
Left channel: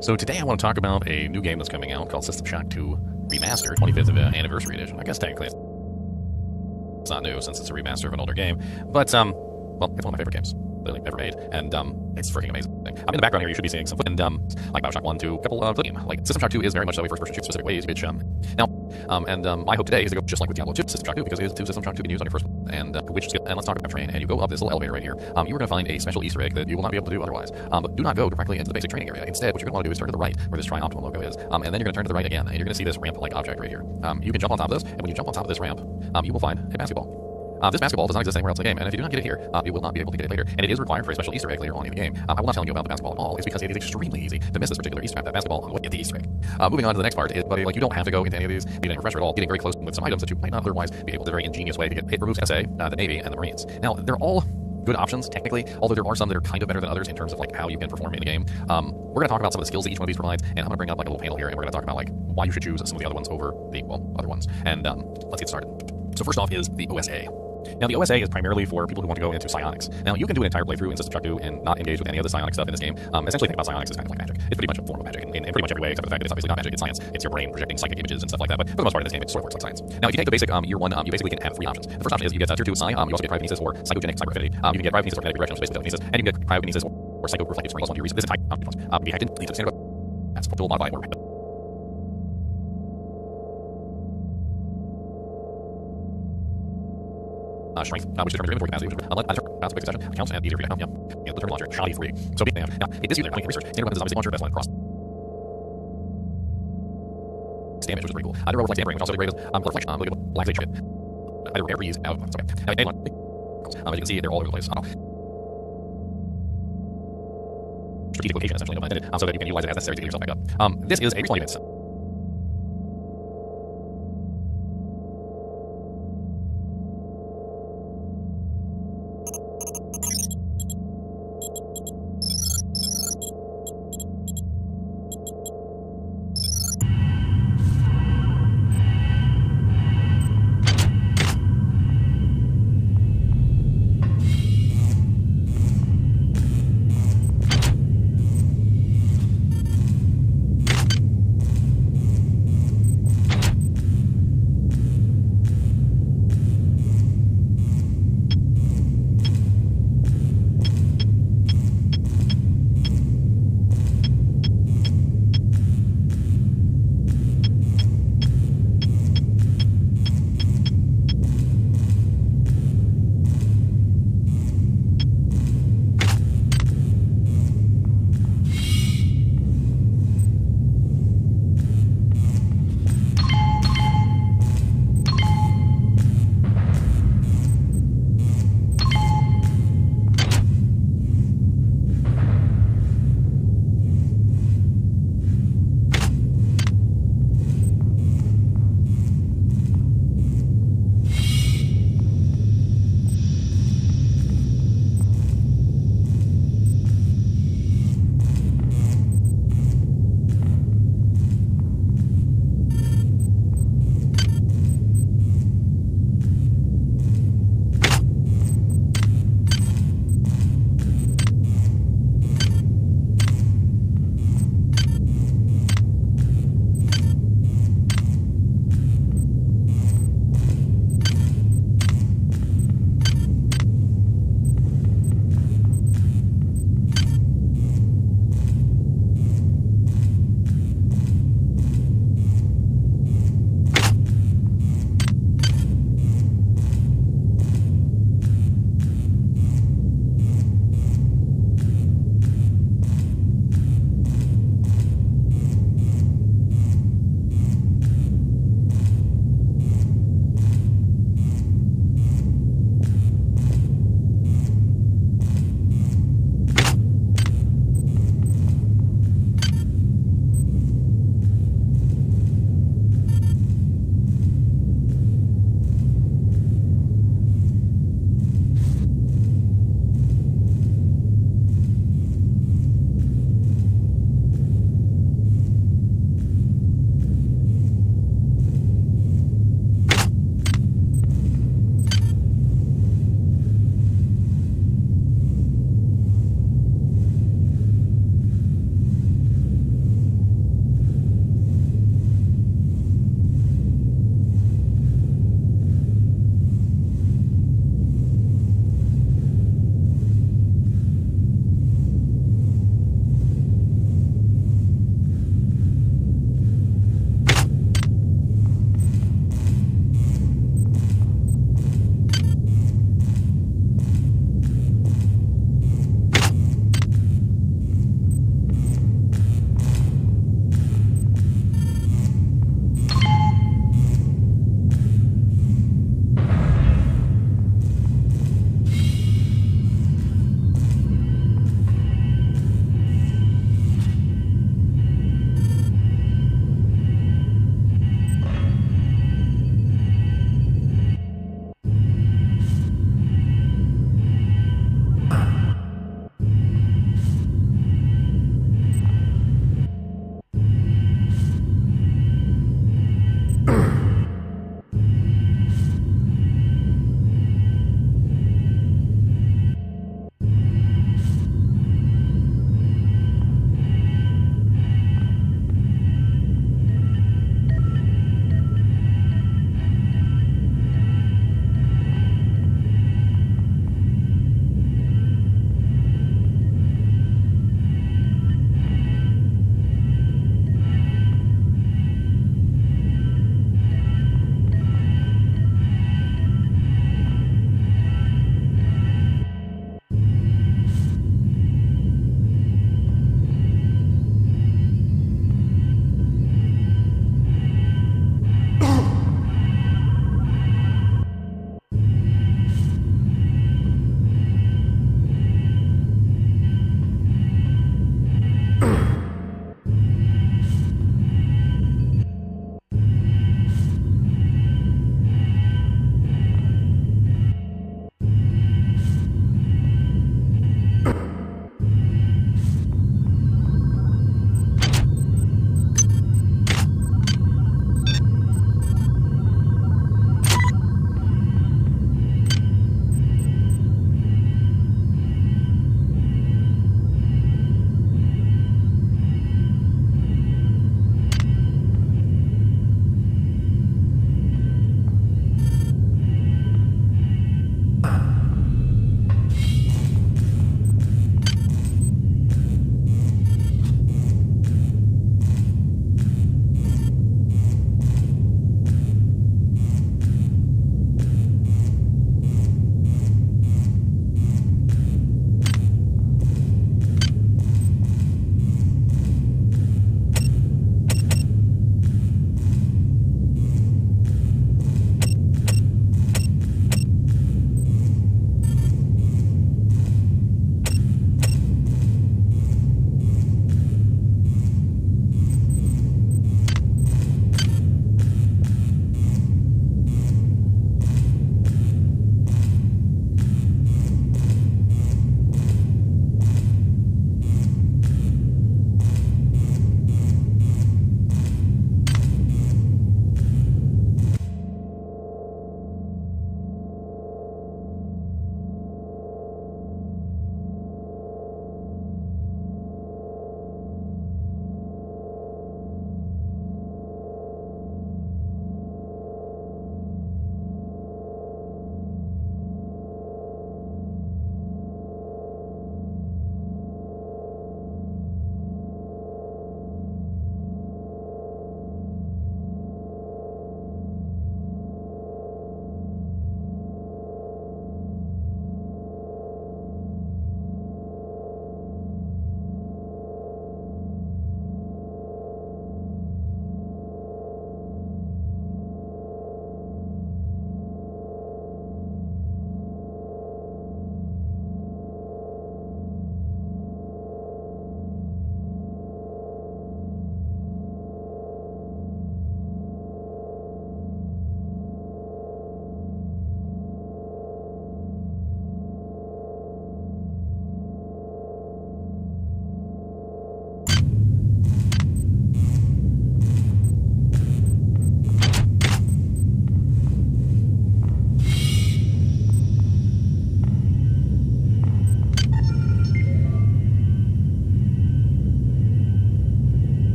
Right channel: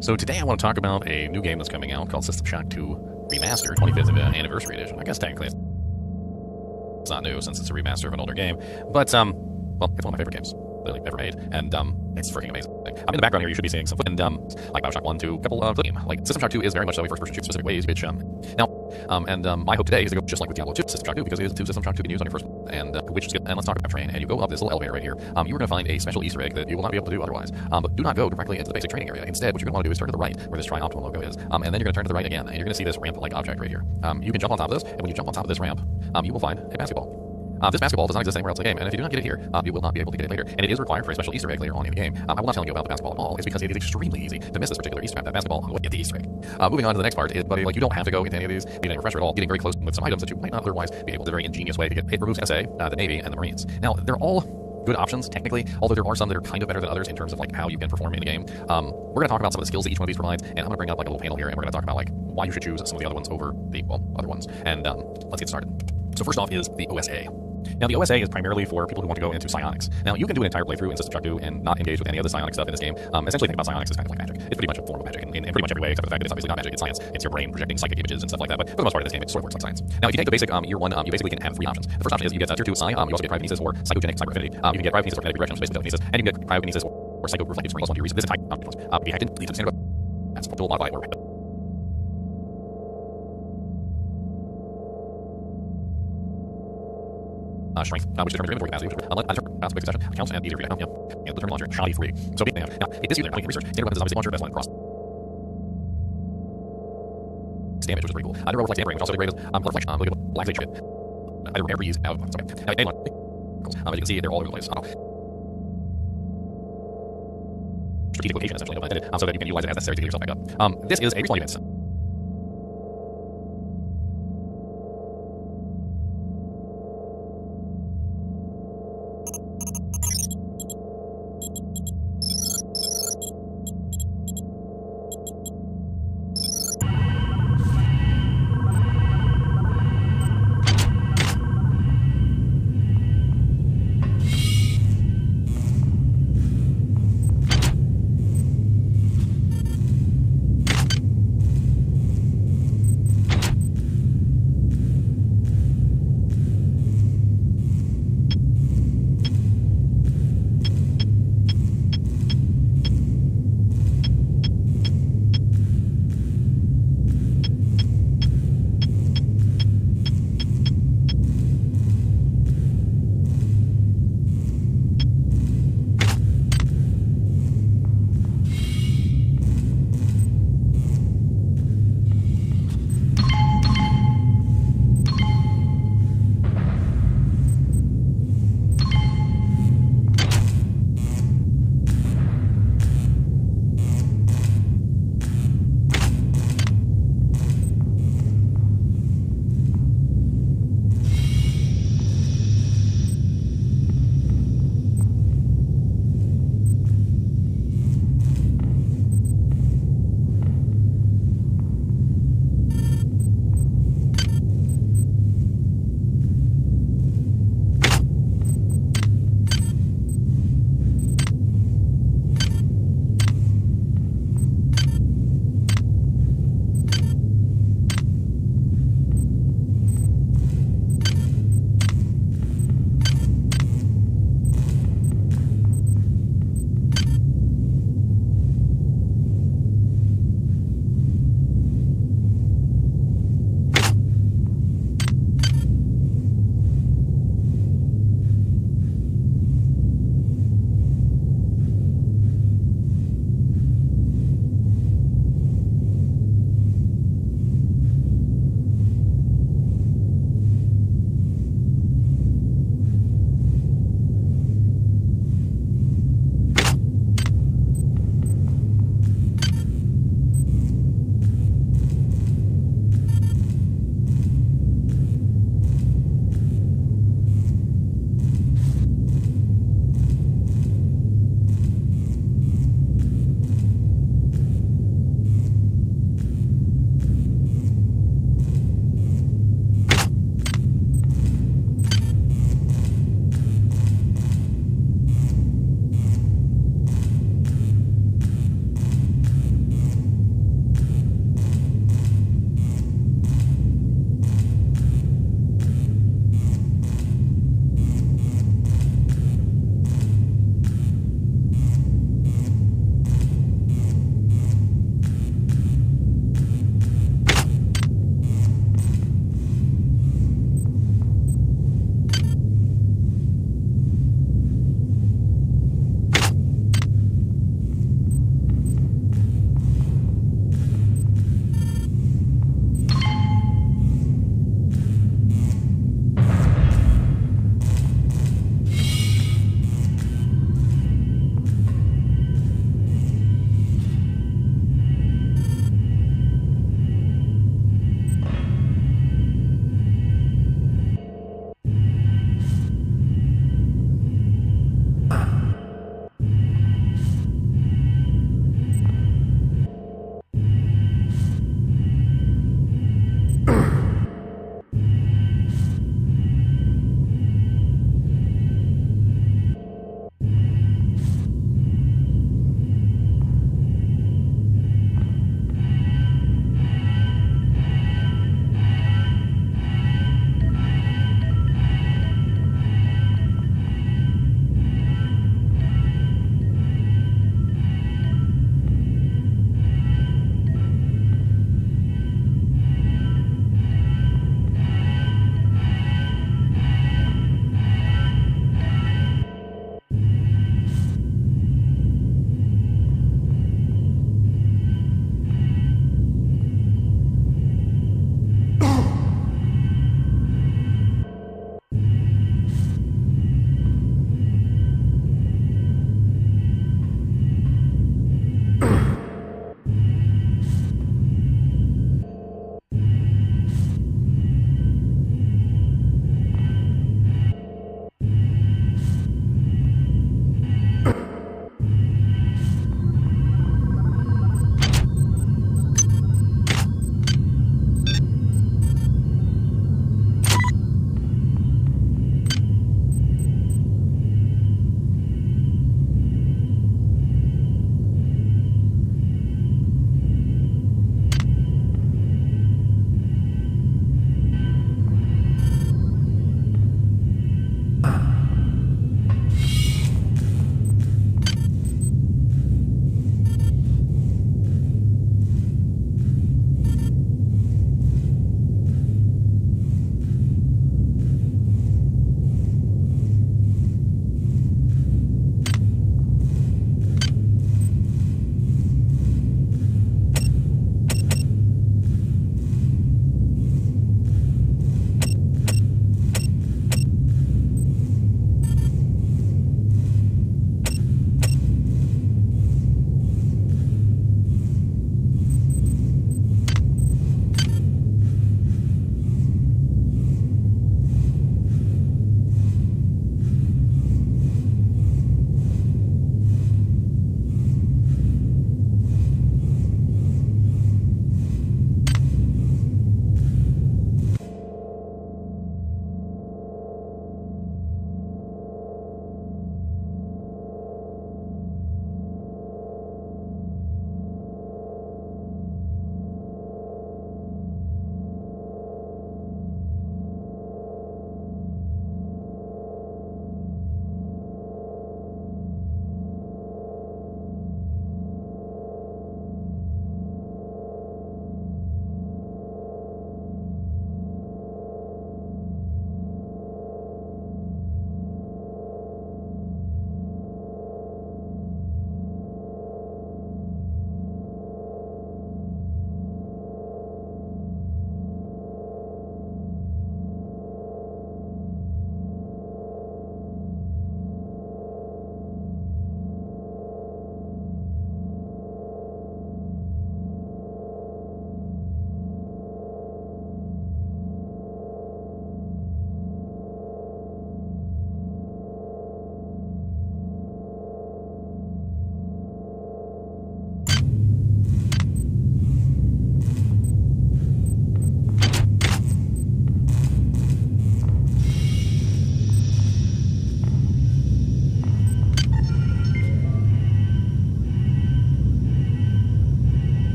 So today I want to talk about a new game that's coming out called System Shock 2 Remaster, 25th Anniversary Edition. I guess technically it's not new since it's a remaster of an older game, but, well, it's one of my favorite games literally ever made, and it's freaking amazing. In the background here, you should be seeing some footage, and like Bioshock 1, 2, a couple of game. Like System Shock 2 is very much so a first-person shoot specific ways, which my hope today is to go just like with Diablo 2 System Shock 2, because it is 2 System Shock 2 you can use on your first one, and which is good. And let's talk about train, and you go up this little elevator right here. You are going to find a special Easter egg that you will not be able to do otherwise. But do not go directly into the basic training area. Instead, what you're going to want to do is turn to the right, where this Tri-Optimal logo is, and then you're going to turn to the right again, and you're going to see this ramp-like object right here. You can jump on top of this, and when you jump on top of this ramp, you will find a basketball. This basketball does not exist anywhere else in the game, and if you do not get it here, you will not be able to get it later. And it is required for a special Easter egg later on in the game. I will not tell you about the basketball at all. It's because it is extremely easy to miss this particular Easter egg, that basketball, and get the Easter egg. Moving on to the next part, but like you don't have to go into any of these, need any refresher at all. Getting very close with some items that you might not otherwise be able to, very ingenious way to get. It removes SA, the Navy, and the Marines. Now they're all good options technically, although there are some that are kind of better than others in terms of like how you can perform in the game. We're going to talk about some of the skills that each one of these provides, and I'm going to bring up like a little panel here, and we're going to talk about like why you should choose some of the other ones over the other ones. And let's get started. So first off is the OSA. Now, the OSA is primarily for people who want to go into psionics. Now, you can do an entire playthrough in System Shock 2 and not engage with any of the psionic stuff in this game. Essentially, think about psionics as kind of like magic. It's pretty much a form of magic in pretty much every way, except for the fact that it's obviously not magic, it's science. It's your brain projecting psychic images and stuff like that, but for the most part in this game, it sort of works like science. Now, if you take the basic year 1, you basically can have 3 options. The first option is you get tier 2 psi, you also get cryokinesis or psychogenic cyber affinity. You can get cryokinesis or kinetic regression, which is basically telekinesis, and you can get cryokinesis or psychoreflective springs +1 to your research. This entire can be hacked in, leads to standard that's dual modify or strength, which determines your inventory capacity, which unlike a big succession, accounts and easier for you to and the terminal launcher, shoddy free. So now, it is used in research. Standard weapons is obviously launcher, best line cross damage, which is pretty cool. There are reflex damage, which also degrades reflection, black shit. Either repair, reuse, out. Okay. Now, as you can see, they're all over the place. Strategic location, essentially, no pun intended, so that you can utilize it as necessary to get yourself back up. This is a respawn event.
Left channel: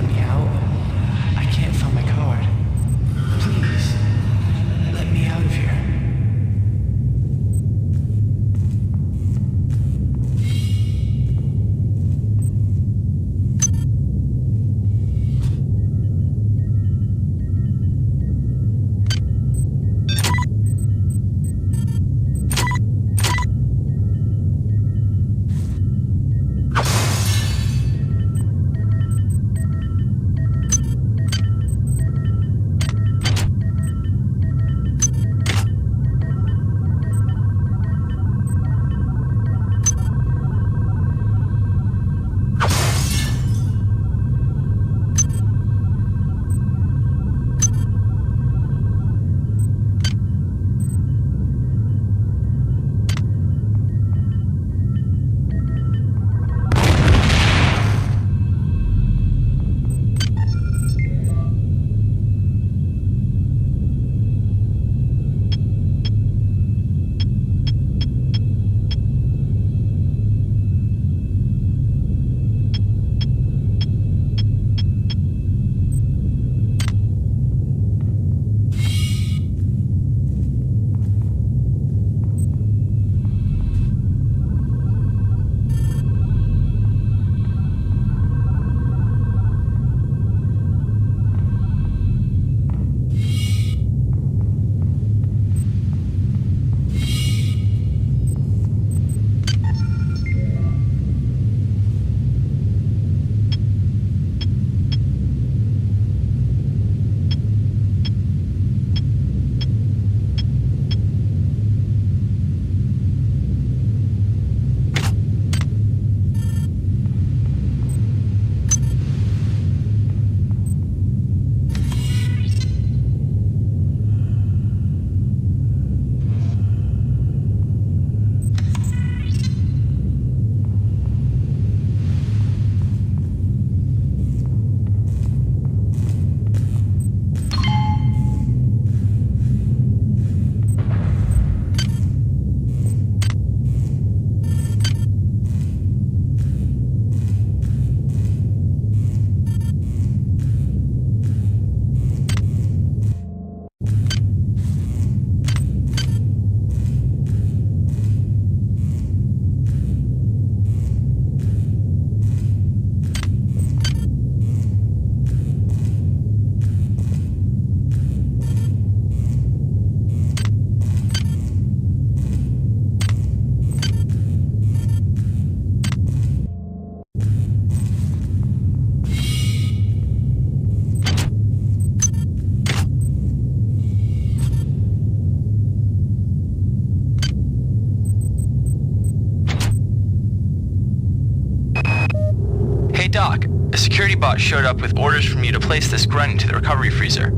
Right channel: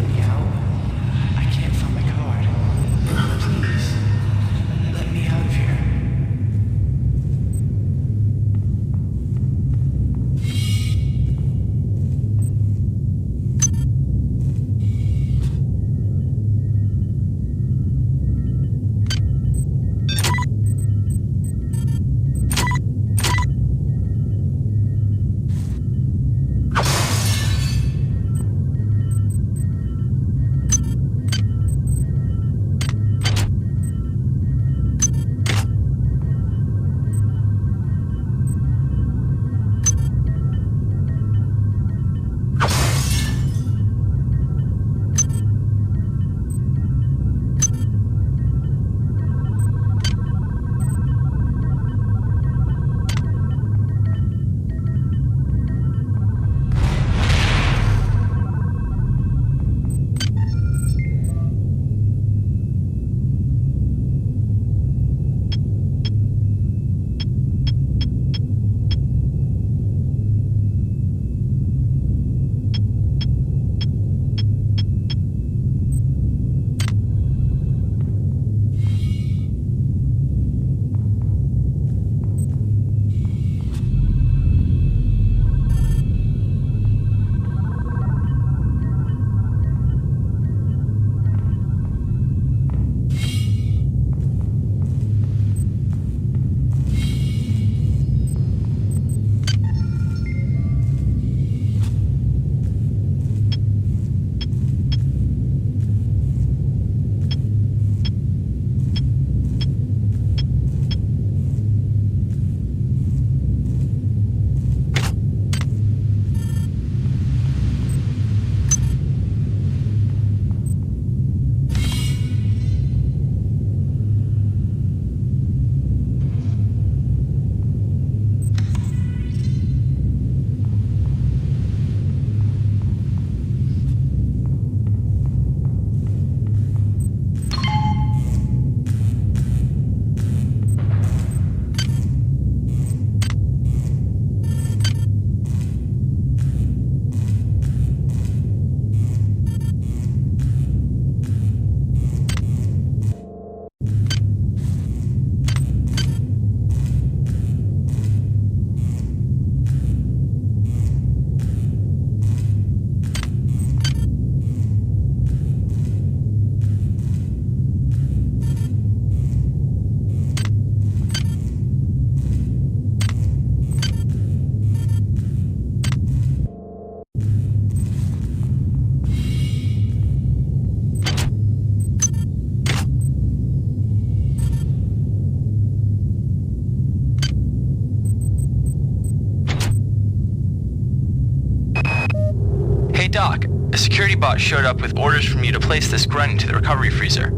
let me out? I can't find my card. Please, let me out of here. Hey Doc, a security bot showed up with orders from you to place this grunt into the recovery freezer.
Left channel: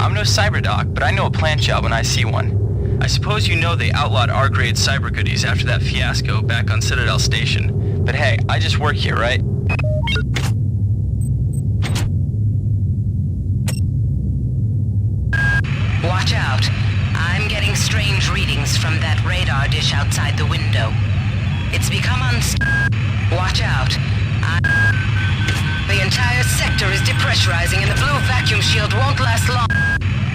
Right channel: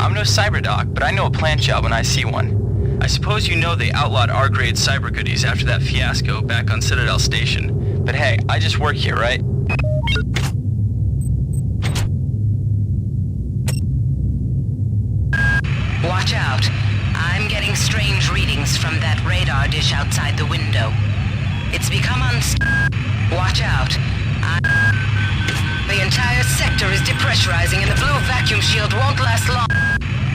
I'm no cyber doc, but I know a plant job when I see one. I suppose you know they outlawed R-grade cyber goodies after that fiasco back on Citadel Station. But hey, I just work here, right? Watch out. I'm getting strange readings from that radar dish outside the window. It's become Watch out. The entire sector is depressurizing and the blue vacuum shield won't last long.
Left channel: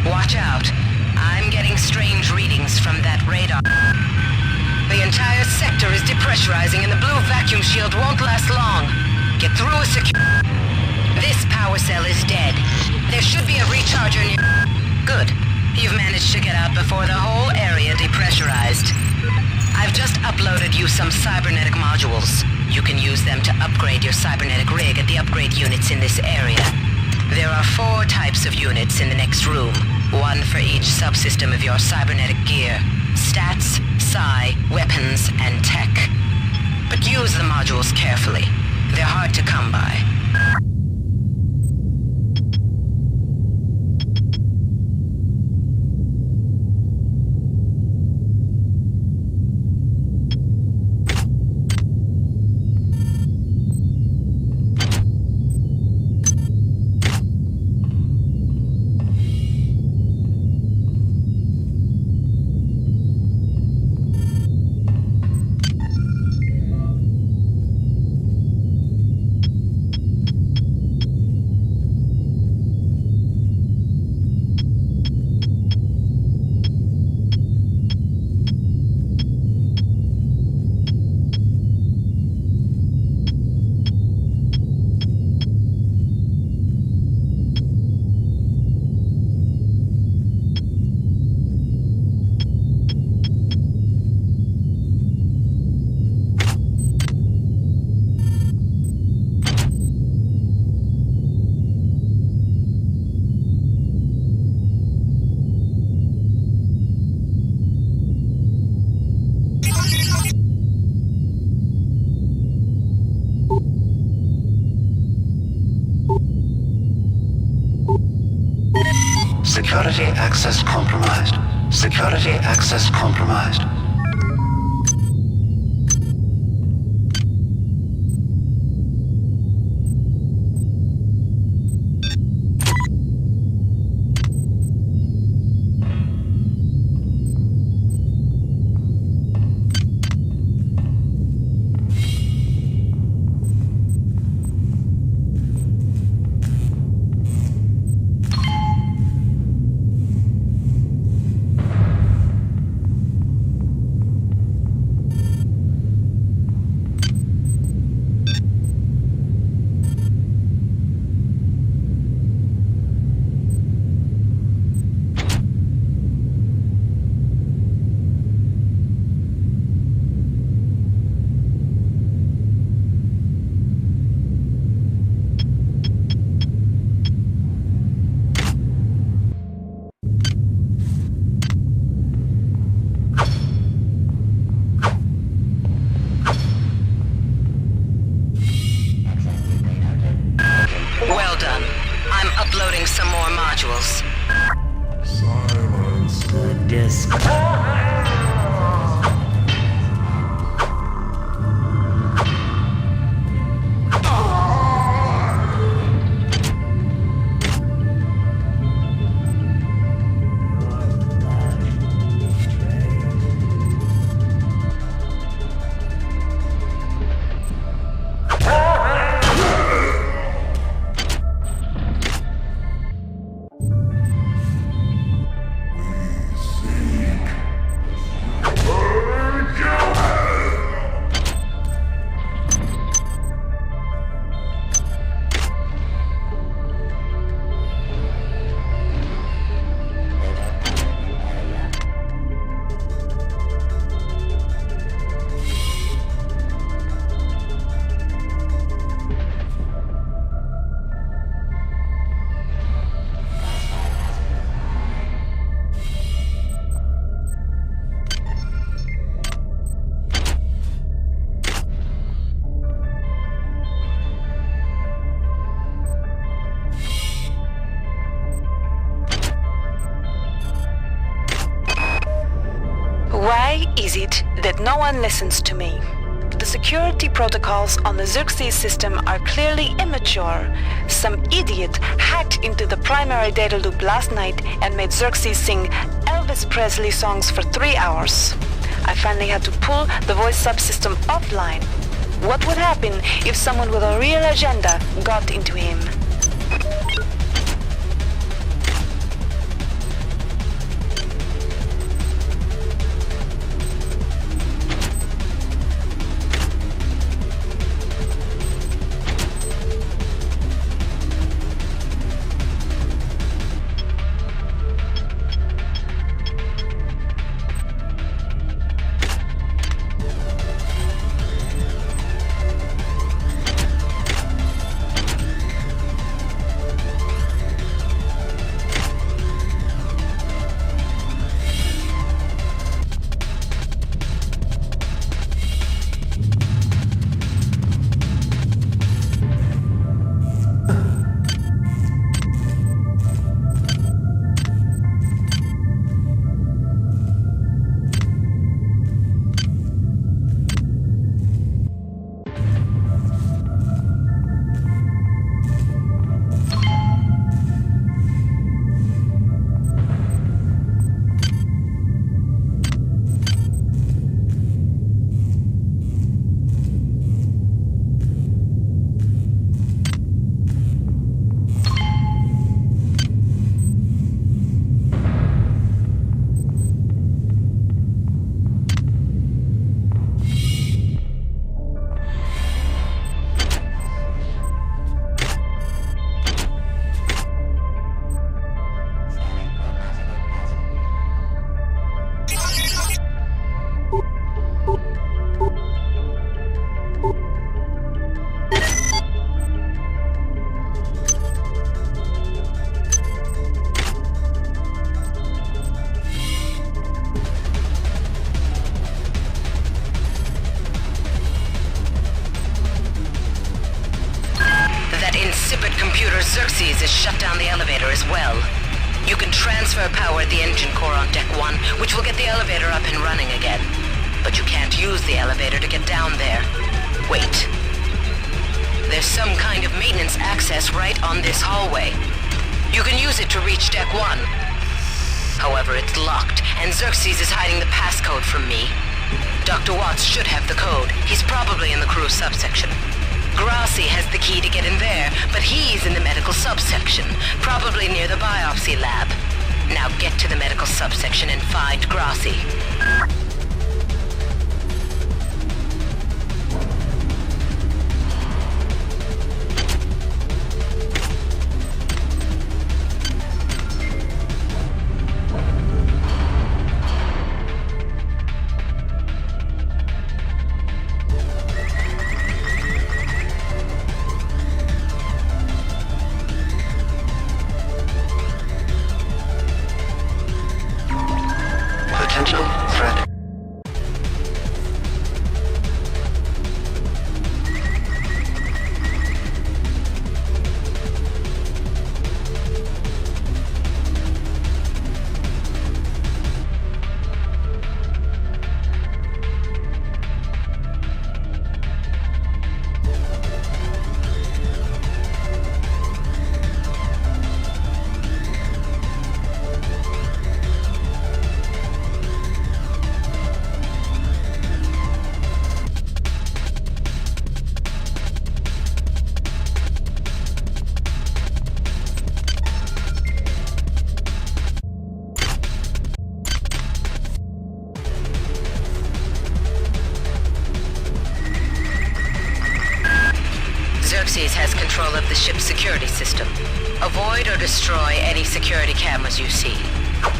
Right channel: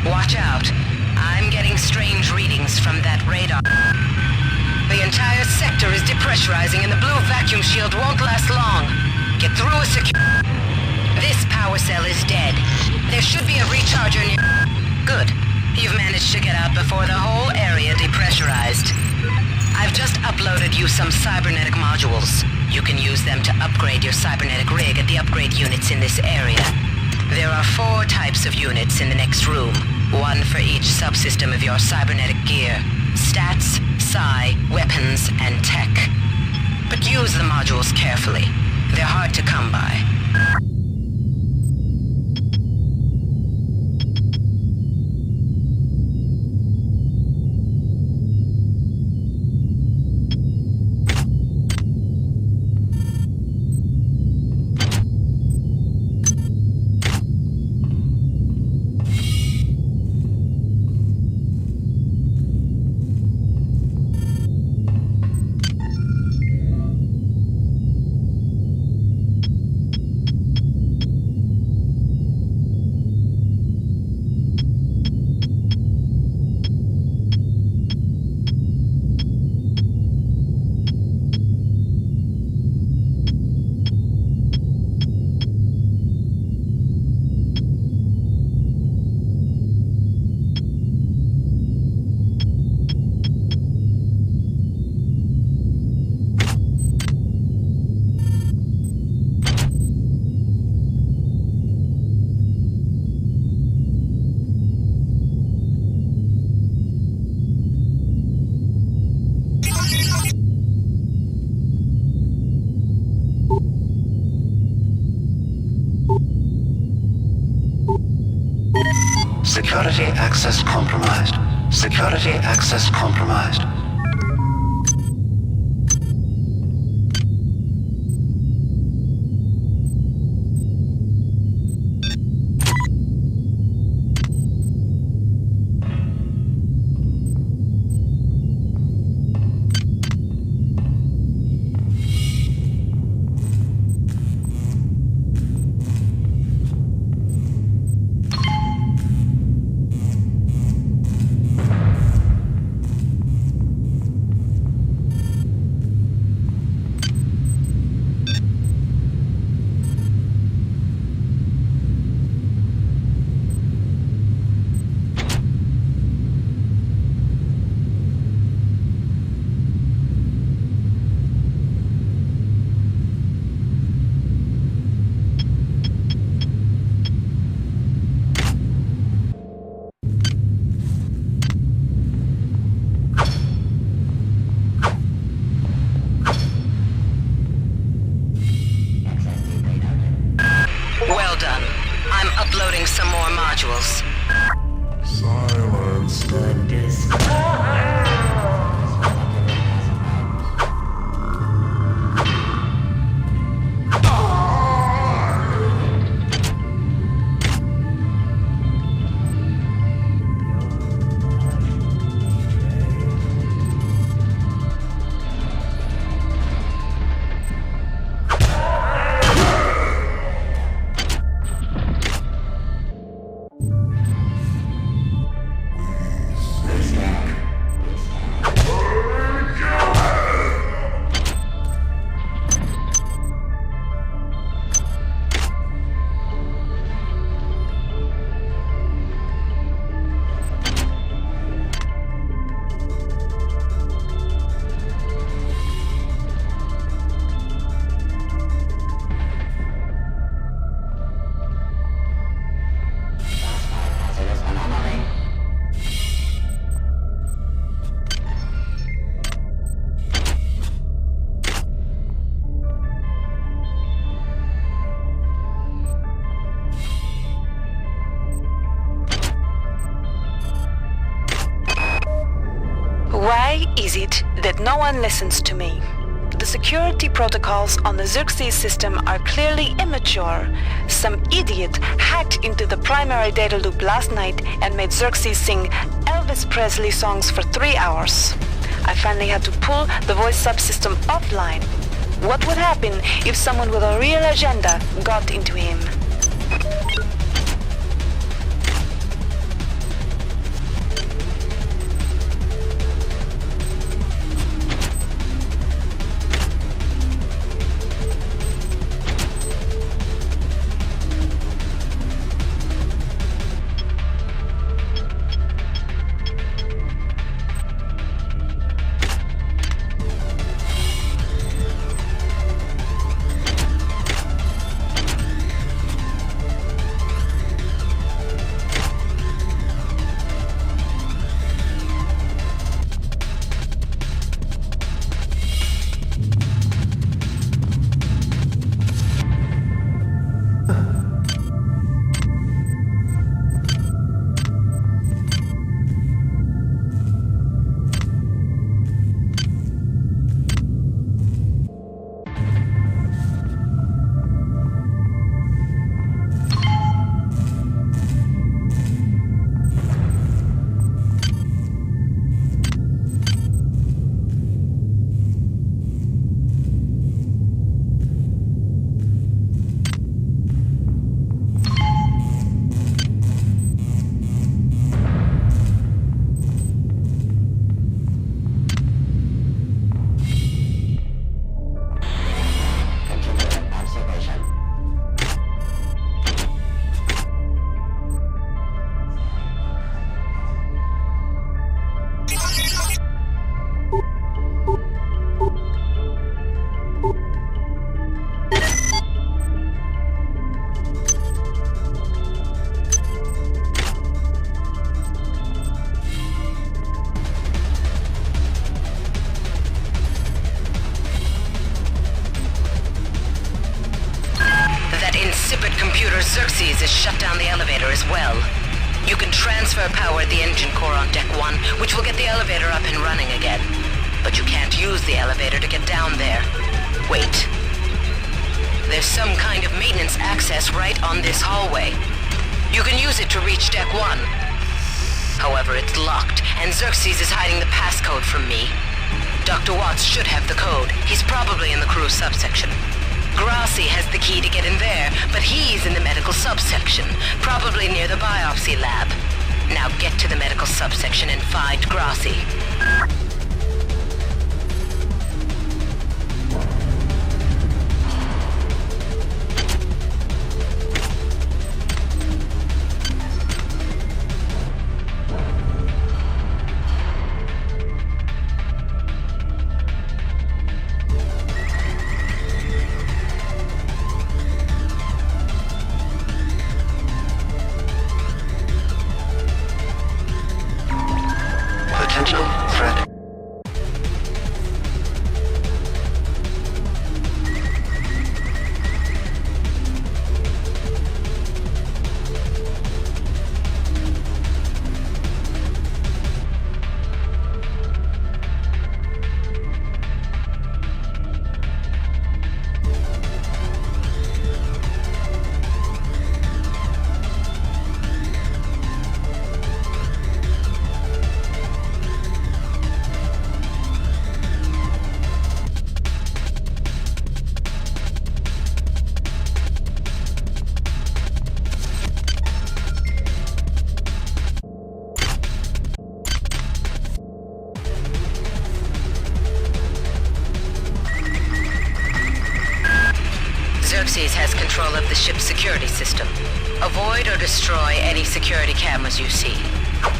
Watch out. I'm getting strange readings from that radar. The entire sector is depressurizing and the blue vacuum shield won't last long. Get through a This power cell is dead. There should be a recharger near... Good. You've managed to get out before the whole area depressurized. I've just uploaded you some cybernetic modules. You can use them to upgrade your cybernetic rig at the upgrade units in this area. There are 4 types of units in the next room, one for each subsystem of your cybernetic gear. Stats, psi, weapons, and tech. But use the modules carefully. They're hard to come by. Security access compromised. Security access compromised. Well done. I'm uploading some more modules. Silence the disk. Why is it that no one listens to me? The security protocols on the Xerxes system are clearly immature. Some idiot hacked into the primary data loop last night and made Xerxes sing Elvis Presley songs for 3 hours. I finally had to pull the voice subsystem offline. What would happen if someone with a real agenda got into him? Insipid computer Xerxes has shut down the elevator as well. You can transfer power at the engine core on Deck 1, which will get the elevator up and running again. But you can't use the elevator to get down there. Wait. There's some kind of maintenance access right on this hallway. You can use it to reach Deck 1. However, it's locked, and Xerxes is hiding the passcode from me. Dr. Watts should have the code. He's probably in the crew subsection. Grassi has the key to get in there, but he's in the medical subsection, probably near the biopsy lab. Now get to the medical subsection and find Grassi. Potential threat. Xerxes has control of the ship's security system. Avoid or destroy any security cameras you see.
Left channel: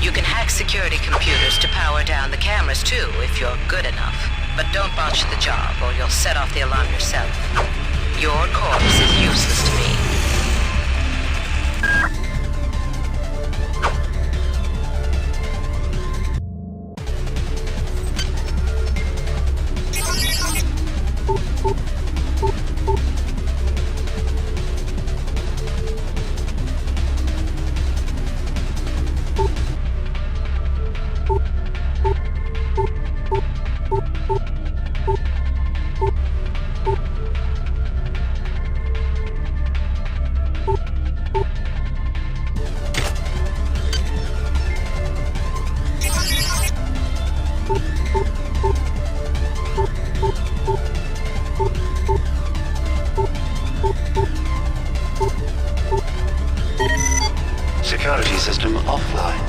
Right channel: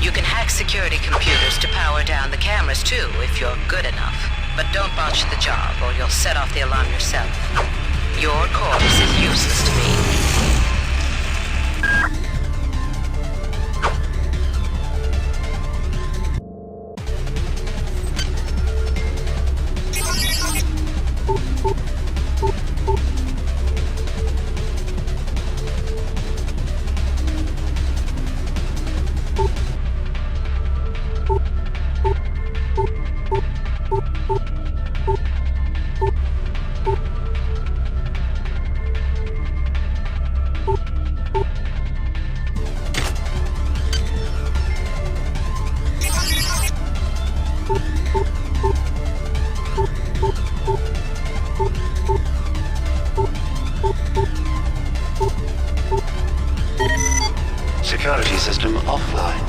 You can hack security computers to power down the cameras too, if you're good enough. But don't botch the job, or you'll set off the alarm yourself. Your corpse is useless to me. Security system offline.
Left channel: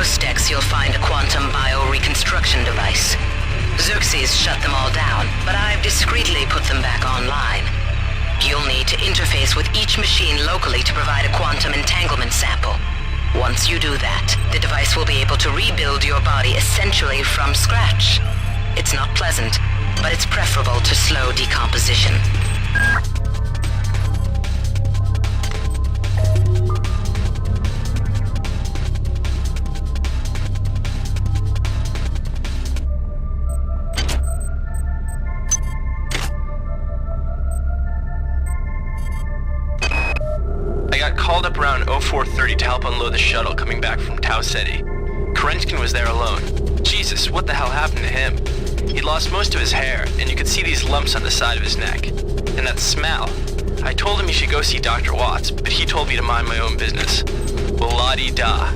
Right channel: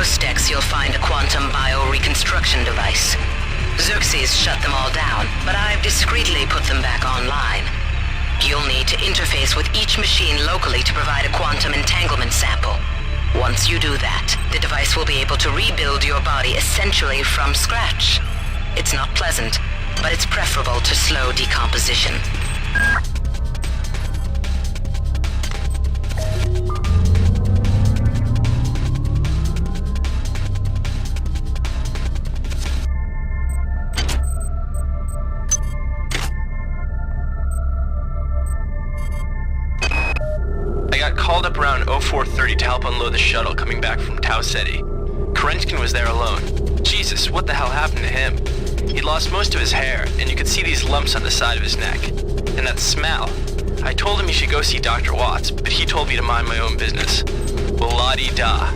Most decks you'll find a quantum bioreconstruction device. Xerxes shut them all down, but I've discreetly put them back online. You'll need to interface with each machine locally to provide a quantum entanglement sample. Once you do that, the device will be able to rebuild your body essentially from scratch. It's not pleasant, but it's preferable to slow decomposition. Called up around 0430 to help unload the shuttle coming back from Tau Ceti. Kerenskin was there alone. Jesus, what the hell happened to him? He'd lost most of his hair, and you could see these lumps on the side of his neck. And that smell. I told him he should go see Dr. Watts, but he told me to mind my own business. Well, la-di-da.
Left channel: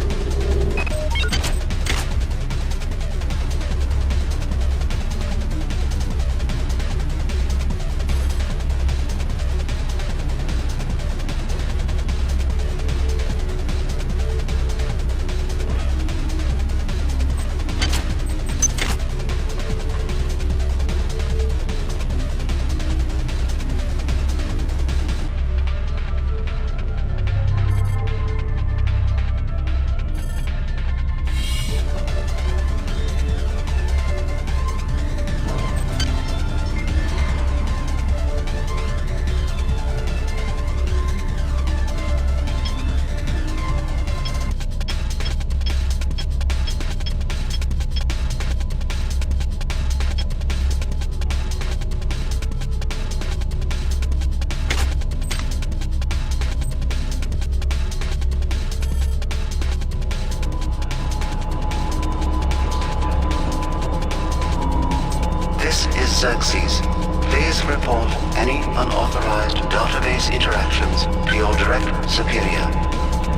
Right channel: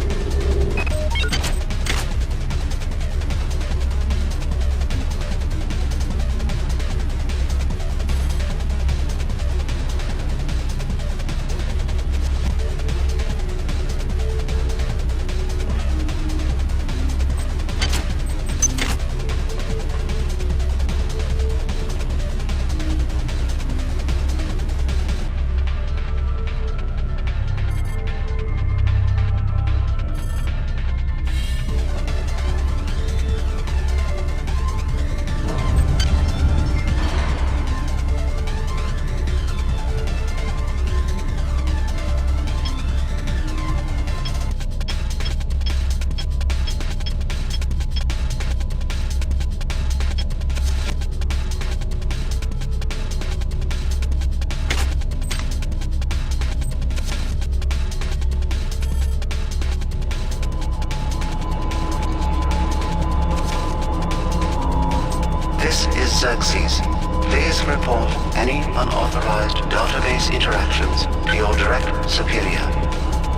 interbase interactions to your direct superior.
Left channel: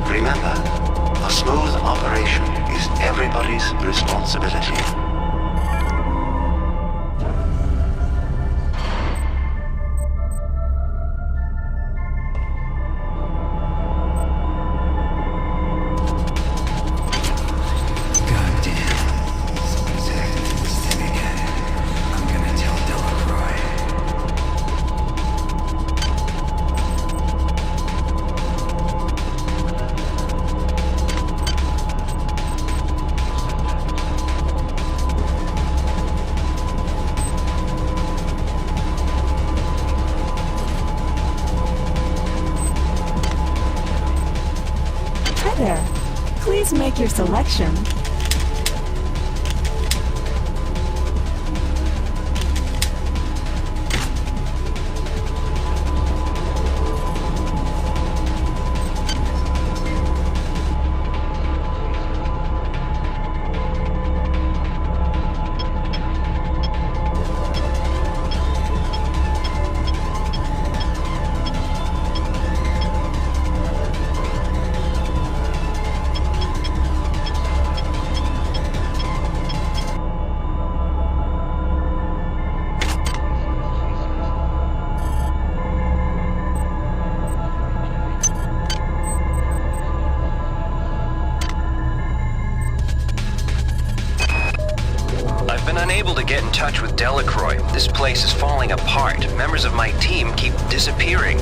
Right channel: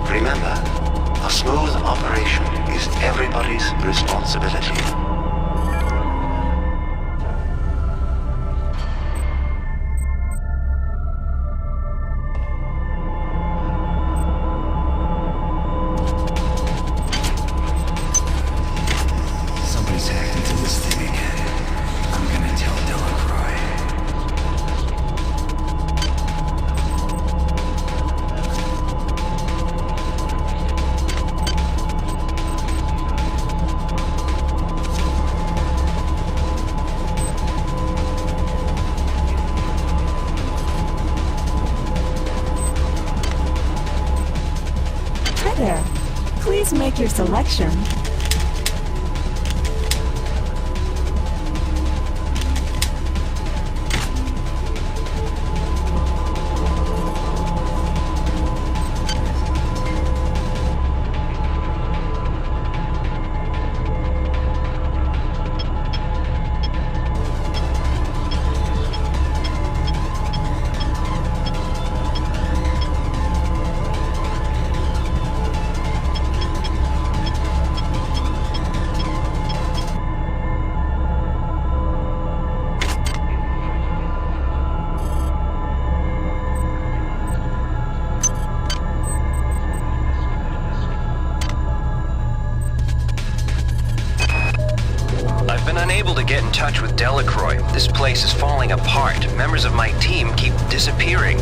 Remember, a smooth operation is everybody's responsibility. Somebody's hacked into this thing again. I'm gonna tell Delacroix. Hi there. Please make your selection. I've been unable to get in touch with Delacroix. This place is falling apart. Members of my team keep disappearing.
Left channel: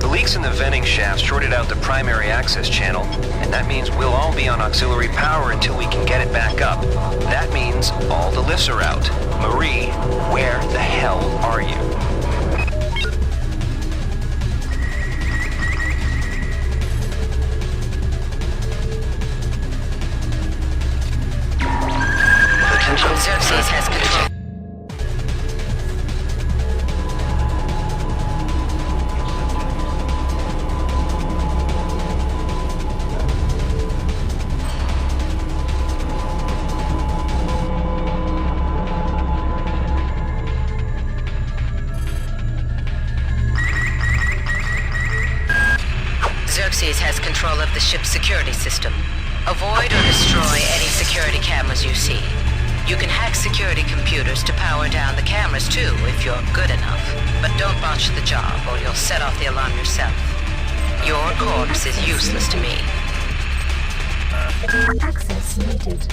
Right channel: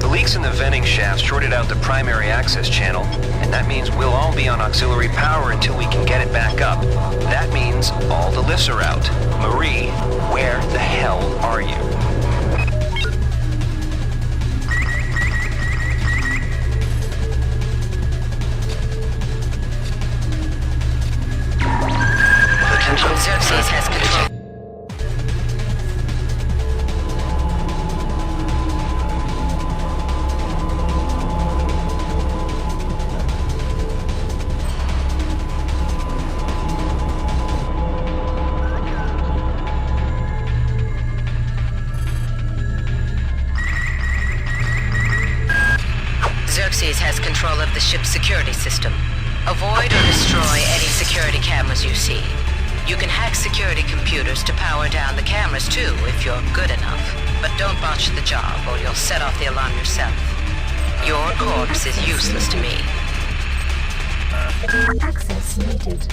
The leaks in the venting shaft shorted out the primary access channel, and that means we'll all be on auxiliary power until we can get it back up. That means all the lifts are out. Marie, where the hell are you? Xerxes has control. Xerxes has control of the ship's security system. Avoid or destroy any security cameras you see. You can hack security computers to power down the cameras too, if you're good enough. But don't botch the job, or you'll set off the alarm yourself. Your corpse is useless to me. Access needed.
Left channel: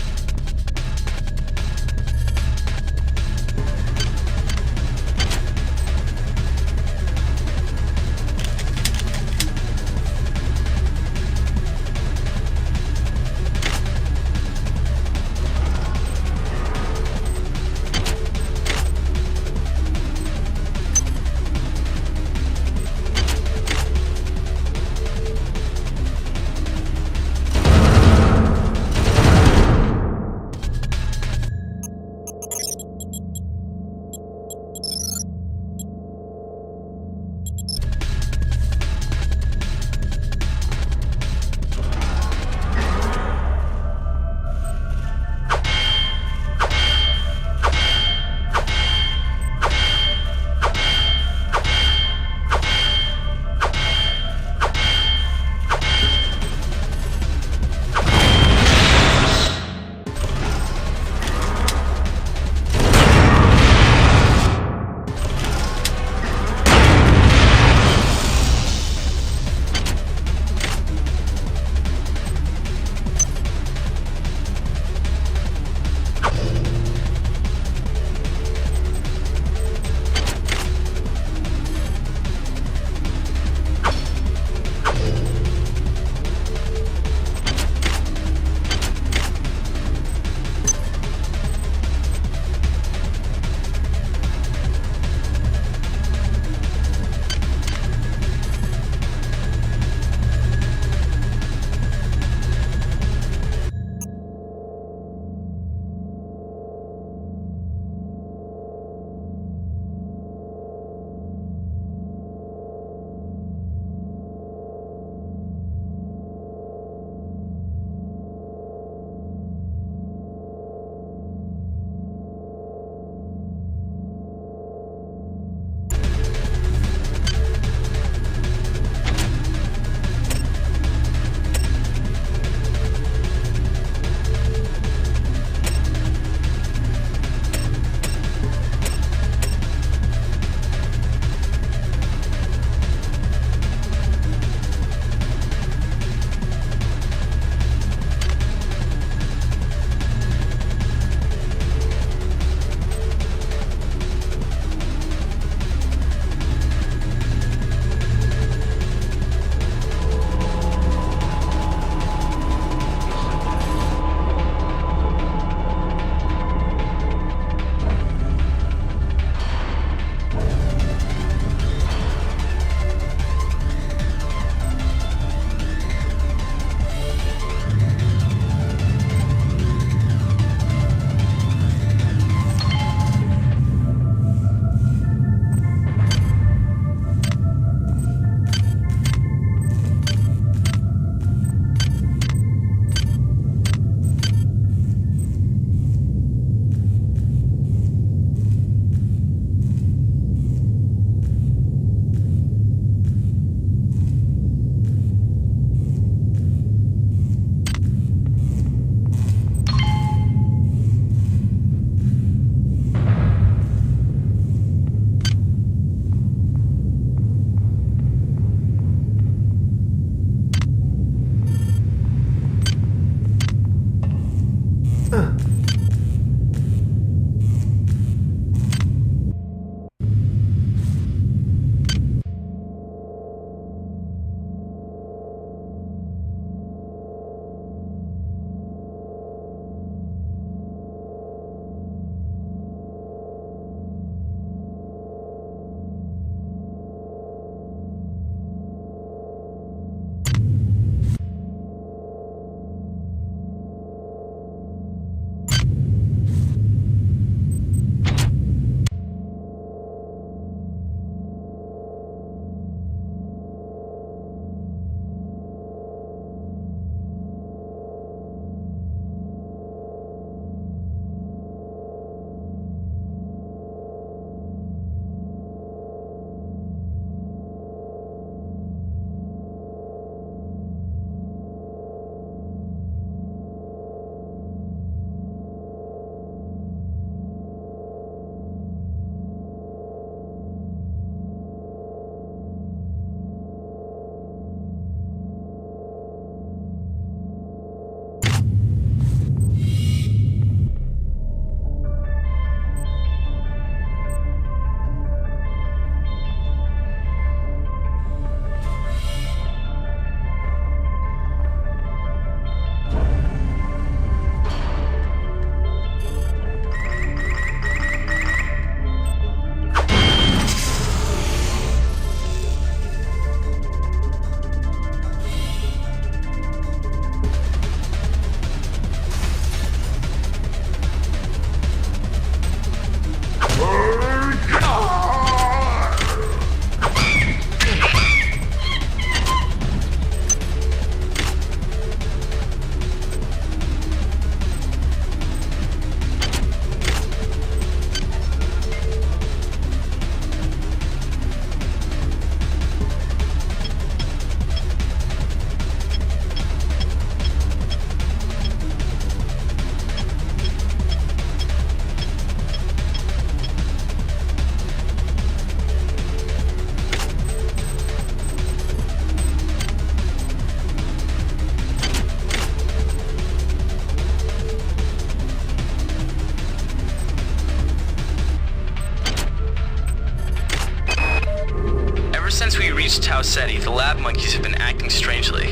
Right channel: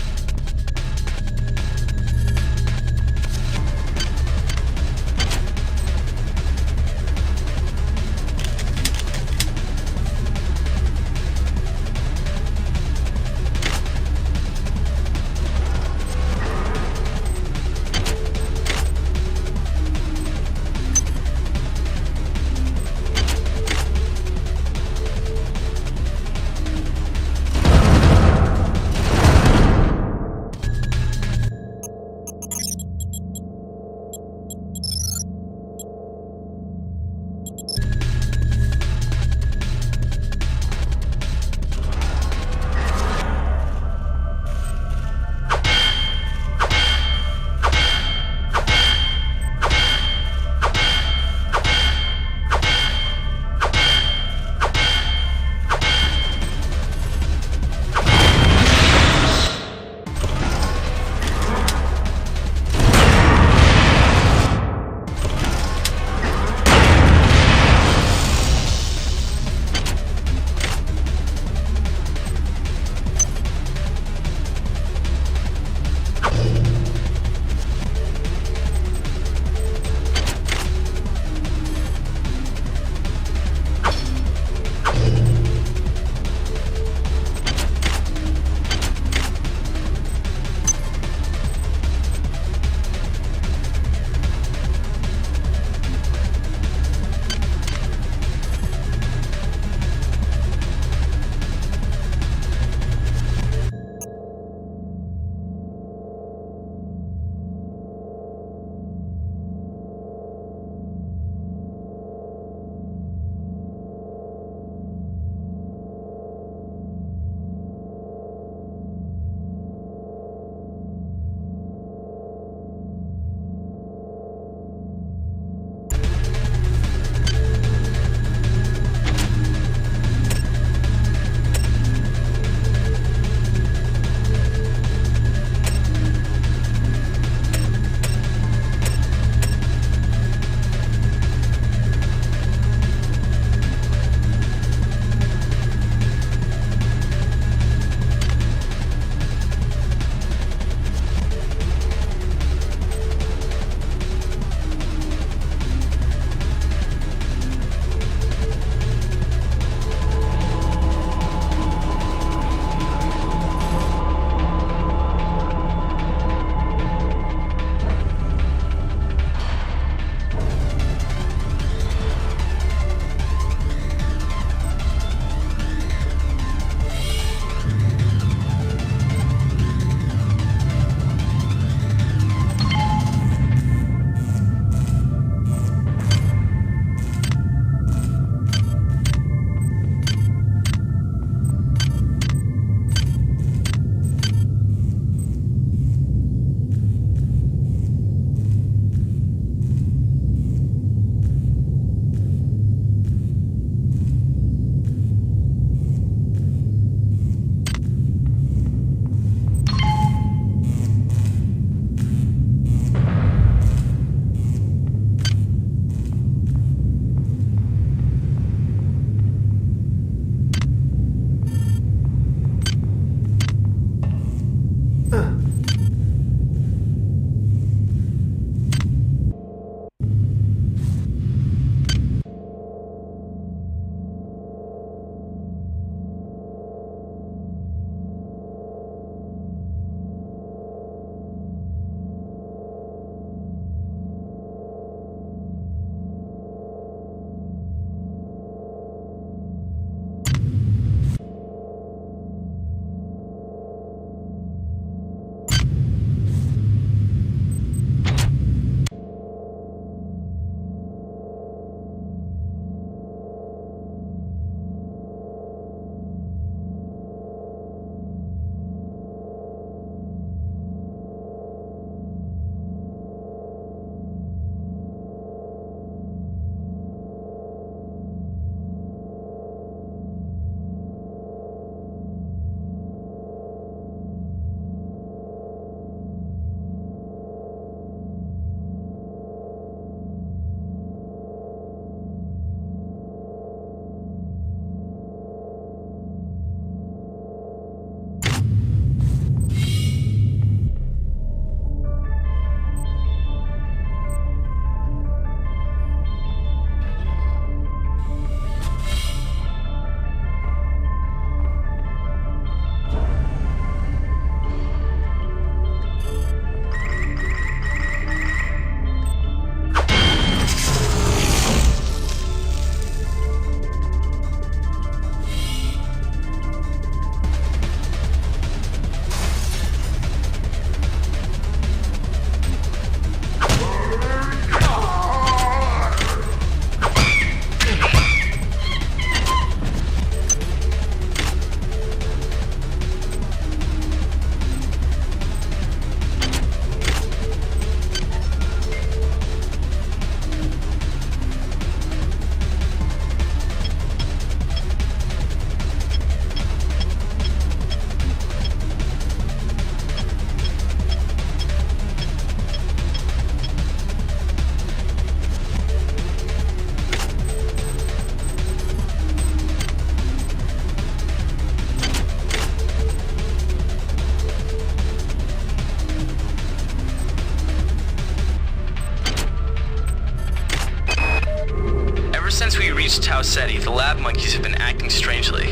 since we reached Tau Ceti, the lab monkeys have been acting strangely.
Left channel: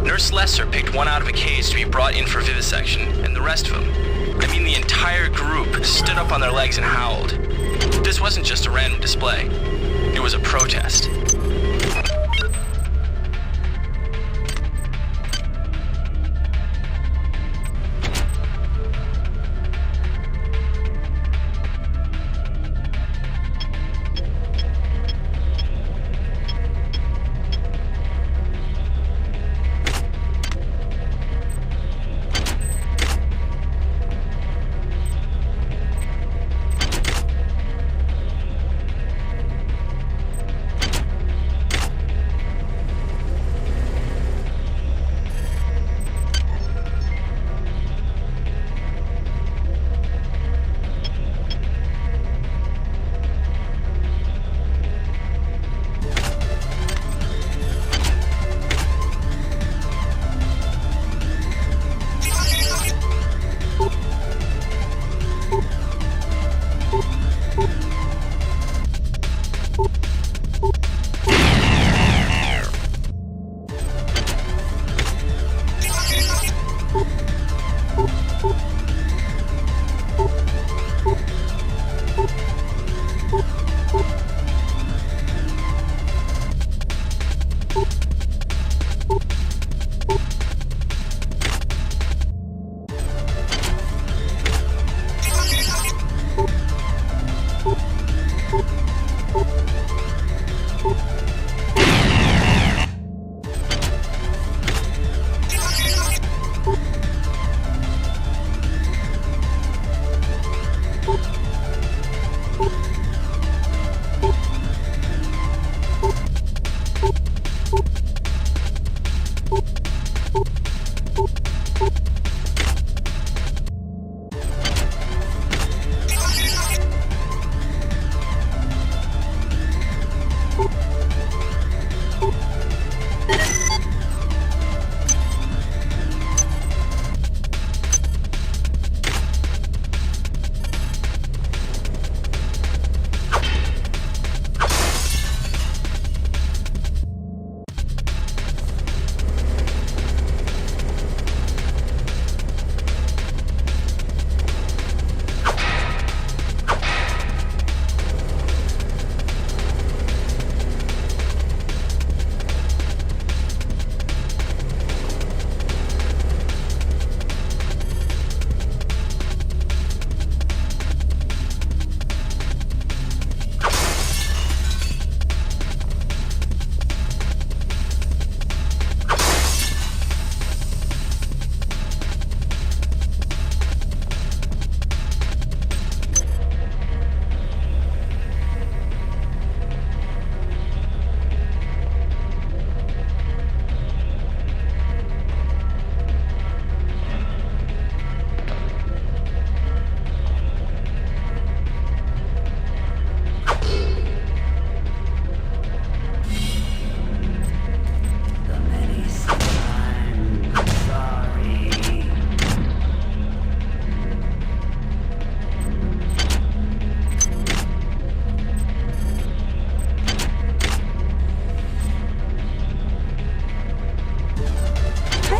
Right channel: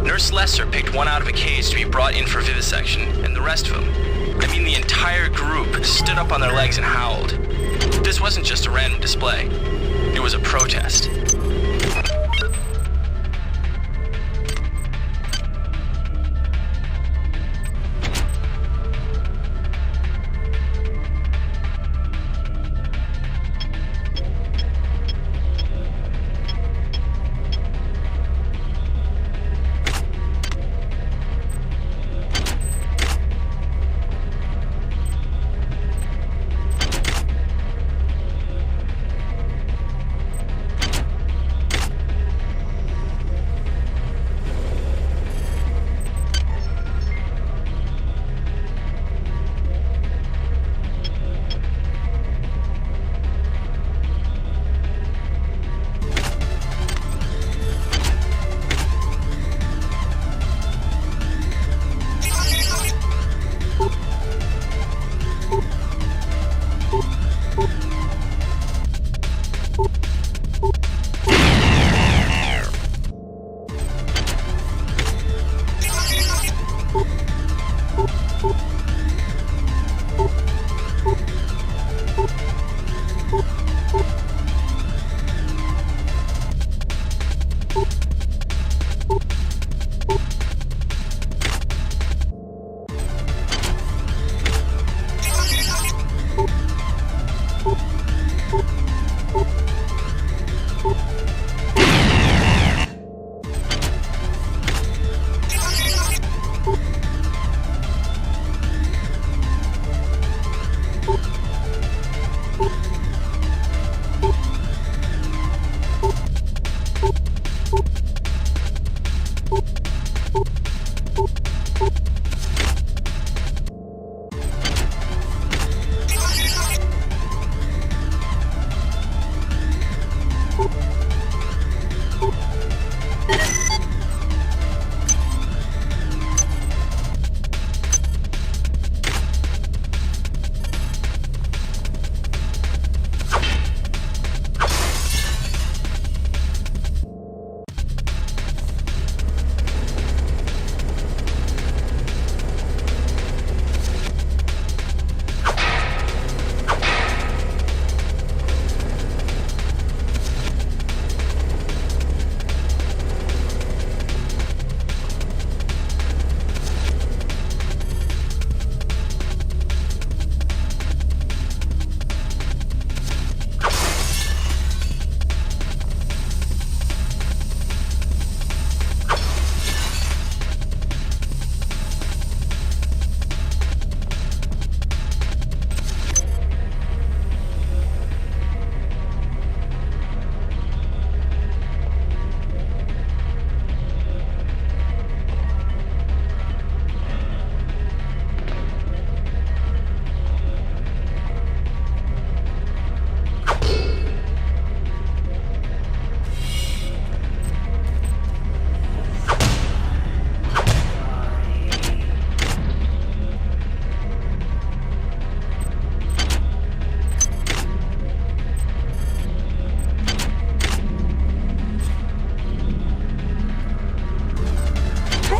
Nurse Lesser picked one out of a cage to be brought in for vivisection, and the rest of them, I mean the entire group, stood up on their legs and howled. This wasn't just a random display. It was a protest.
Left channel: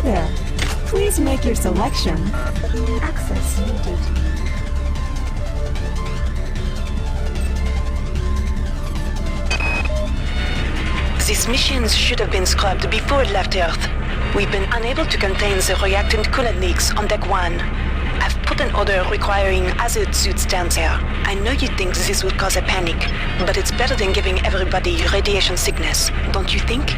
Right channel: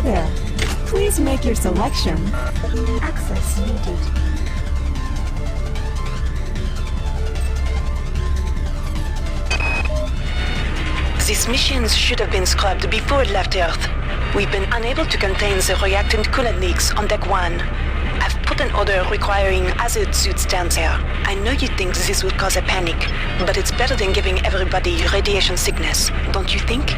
There. Please make your selection. Access needed. These missions should have been scrubbed before it left Earth. We've been unable to contain the reactant coolant leaks on Deck 1. I've put an order requiring hazard suits down there. I know you think this would cause a panic, but it's better than giving everybody radiation sickness, don't you think?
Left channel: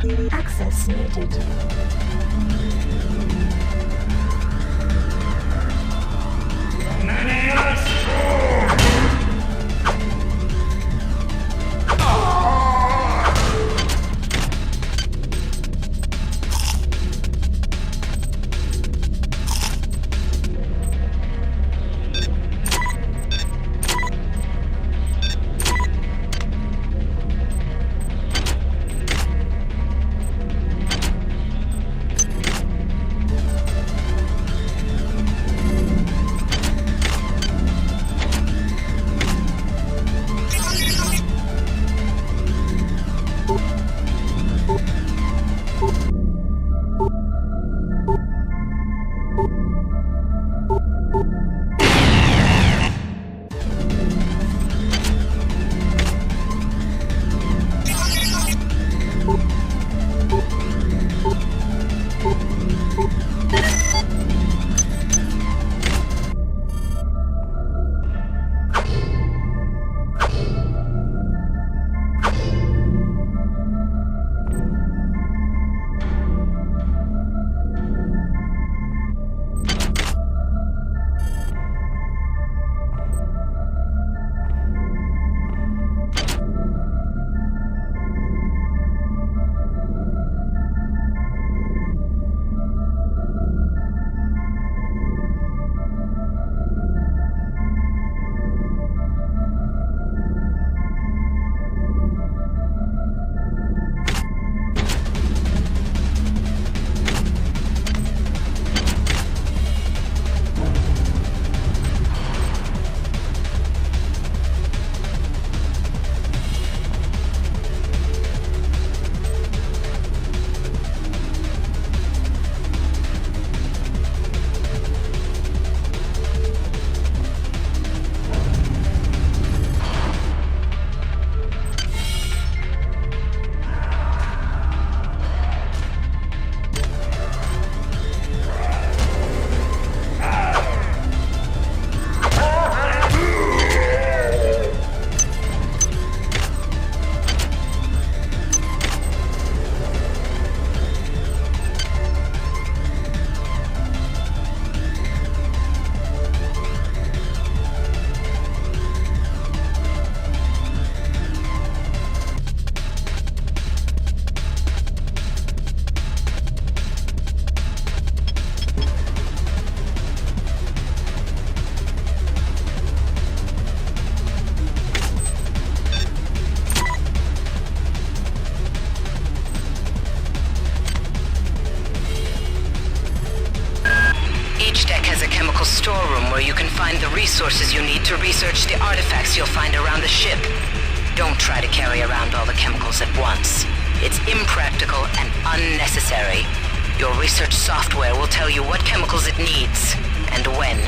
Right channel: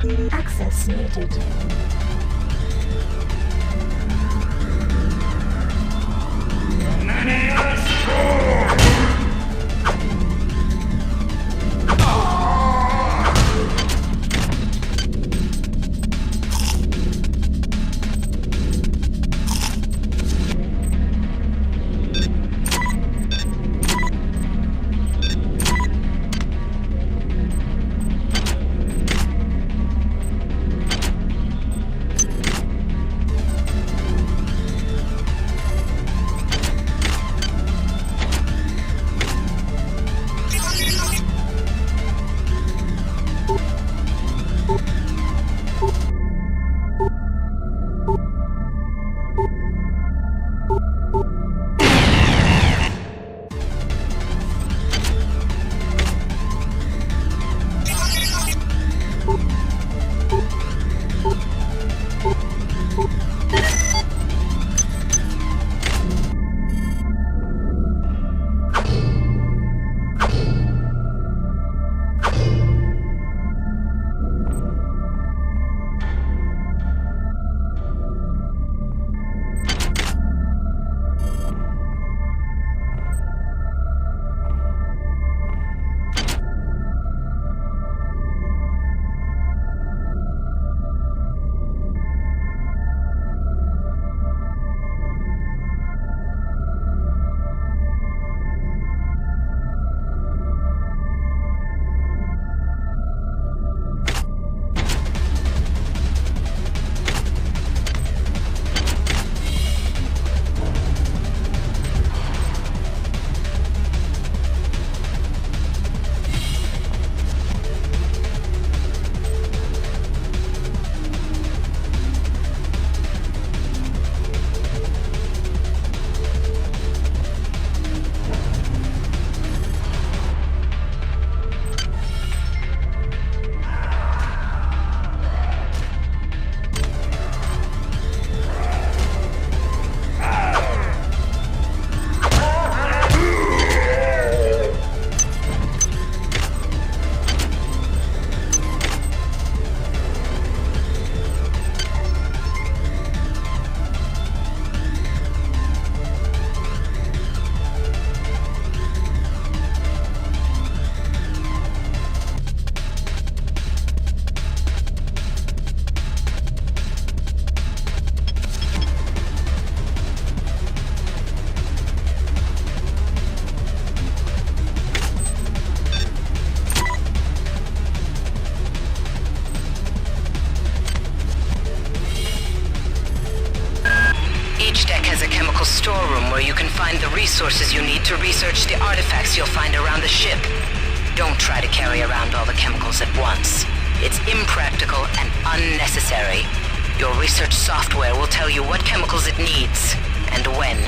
Access needed. Storeroom where you can find the resources you need to research the artifacts you'll find around the ship. Don't try to carry around all the chemicals at once. It's impractical and unnecessary. Your research software will tell you what chemicals it needs and when.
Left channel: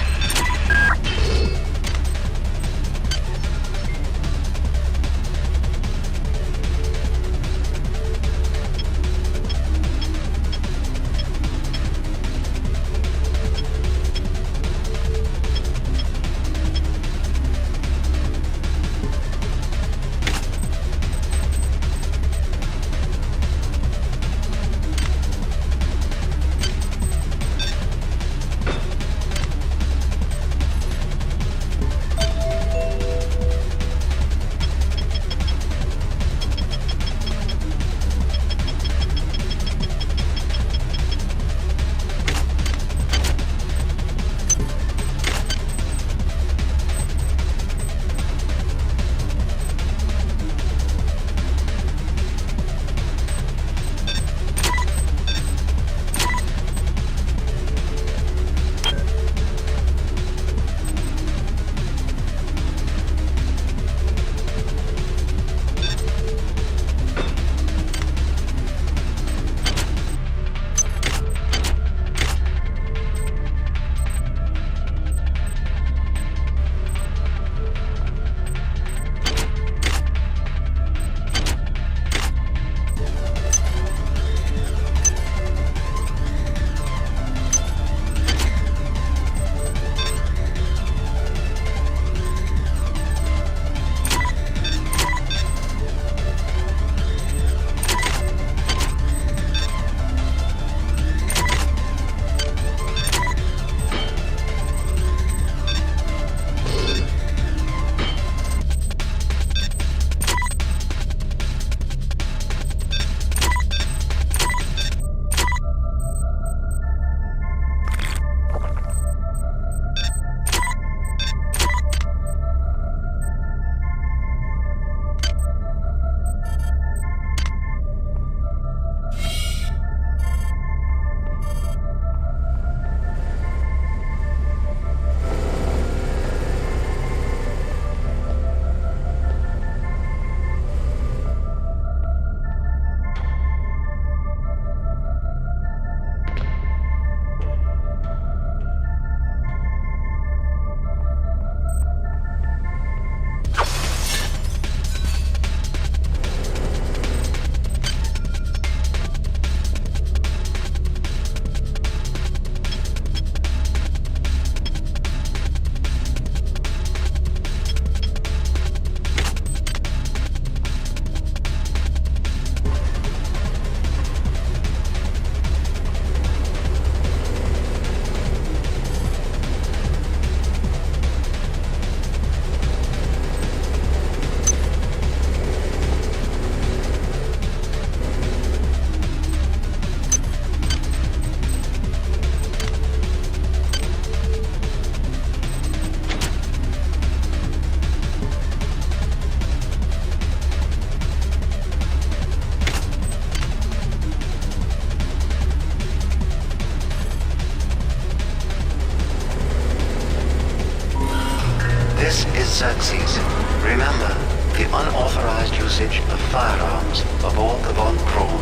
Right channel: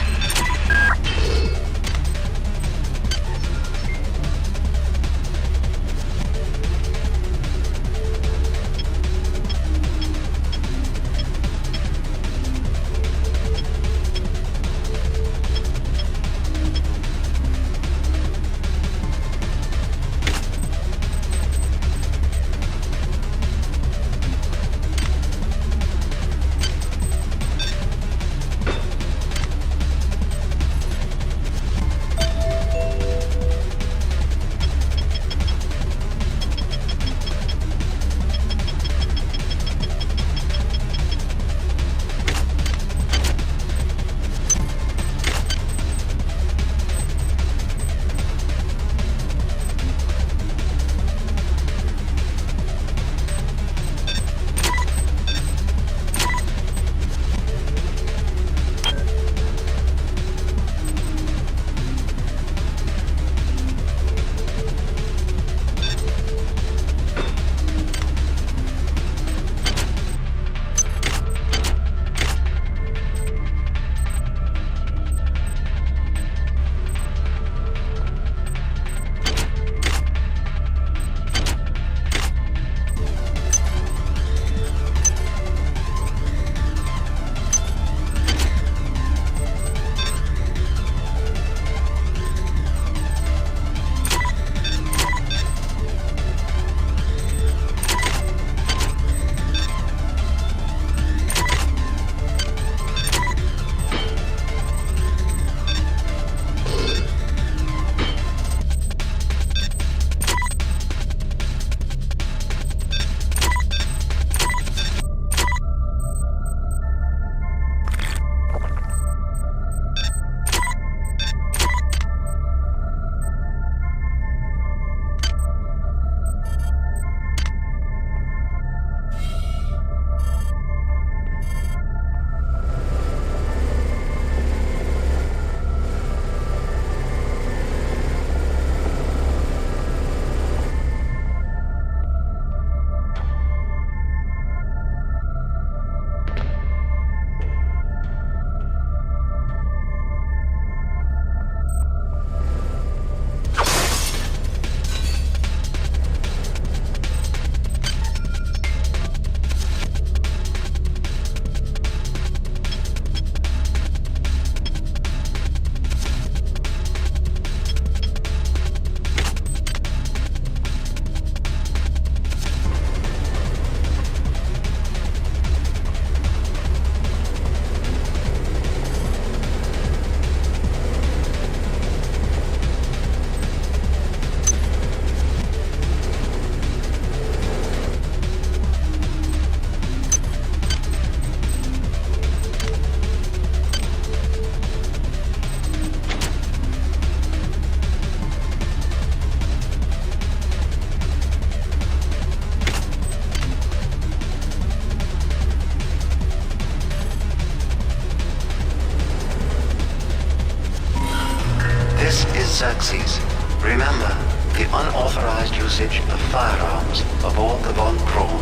Xerxes. Remember, the unauthorized usage of firearms aboard the Von Braun.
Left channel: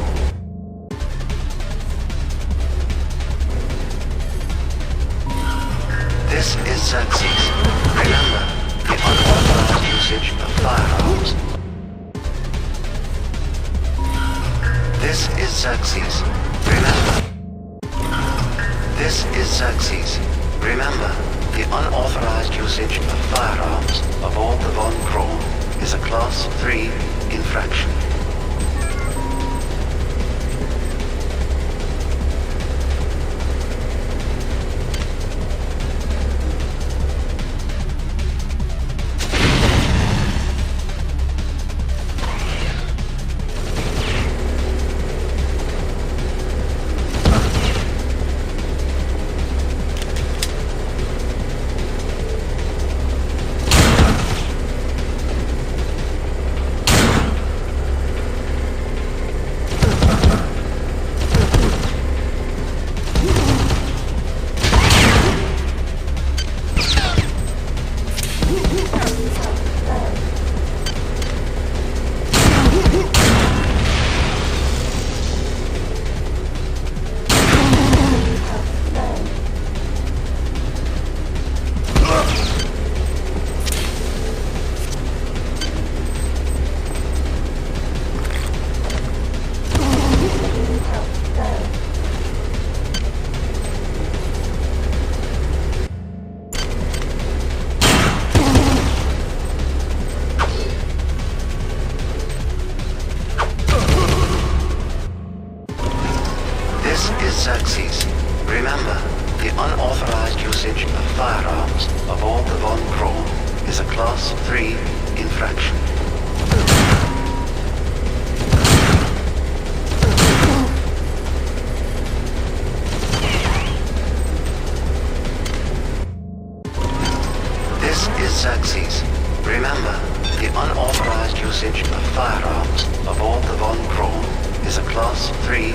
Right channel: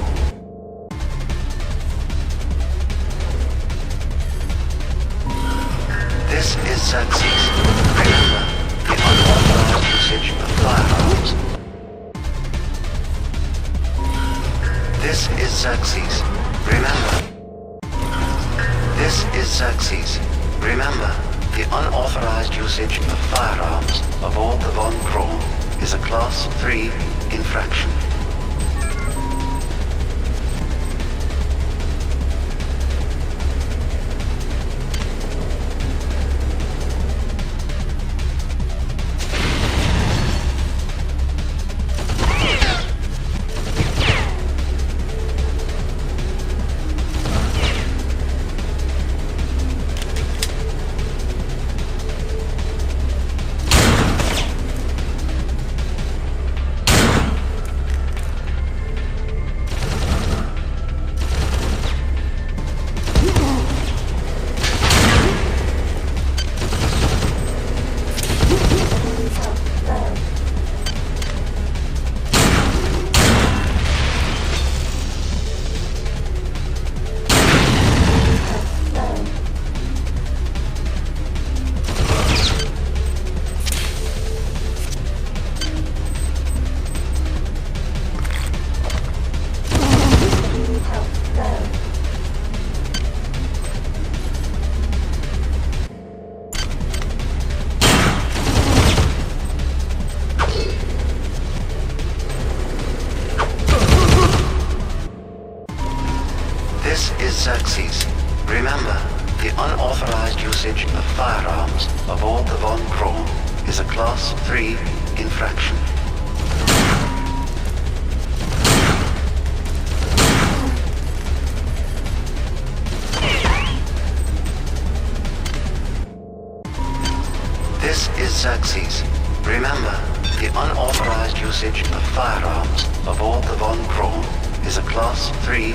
This is Xerxes. Remember, the unauthorized usage of firearms. This is Xerxes. Remember. This is Xerxes. Remember, the unauthorized usage of firearms aboard the Von Braun is a Class 3 infraction. Xerxes. Remember, the unauthorized usage of firearms aboard the Von Braun is a Class 3 infraction. This is Xerxes. Remember, the unauthorized usage of firearms aboard the Von Braun is a Class 3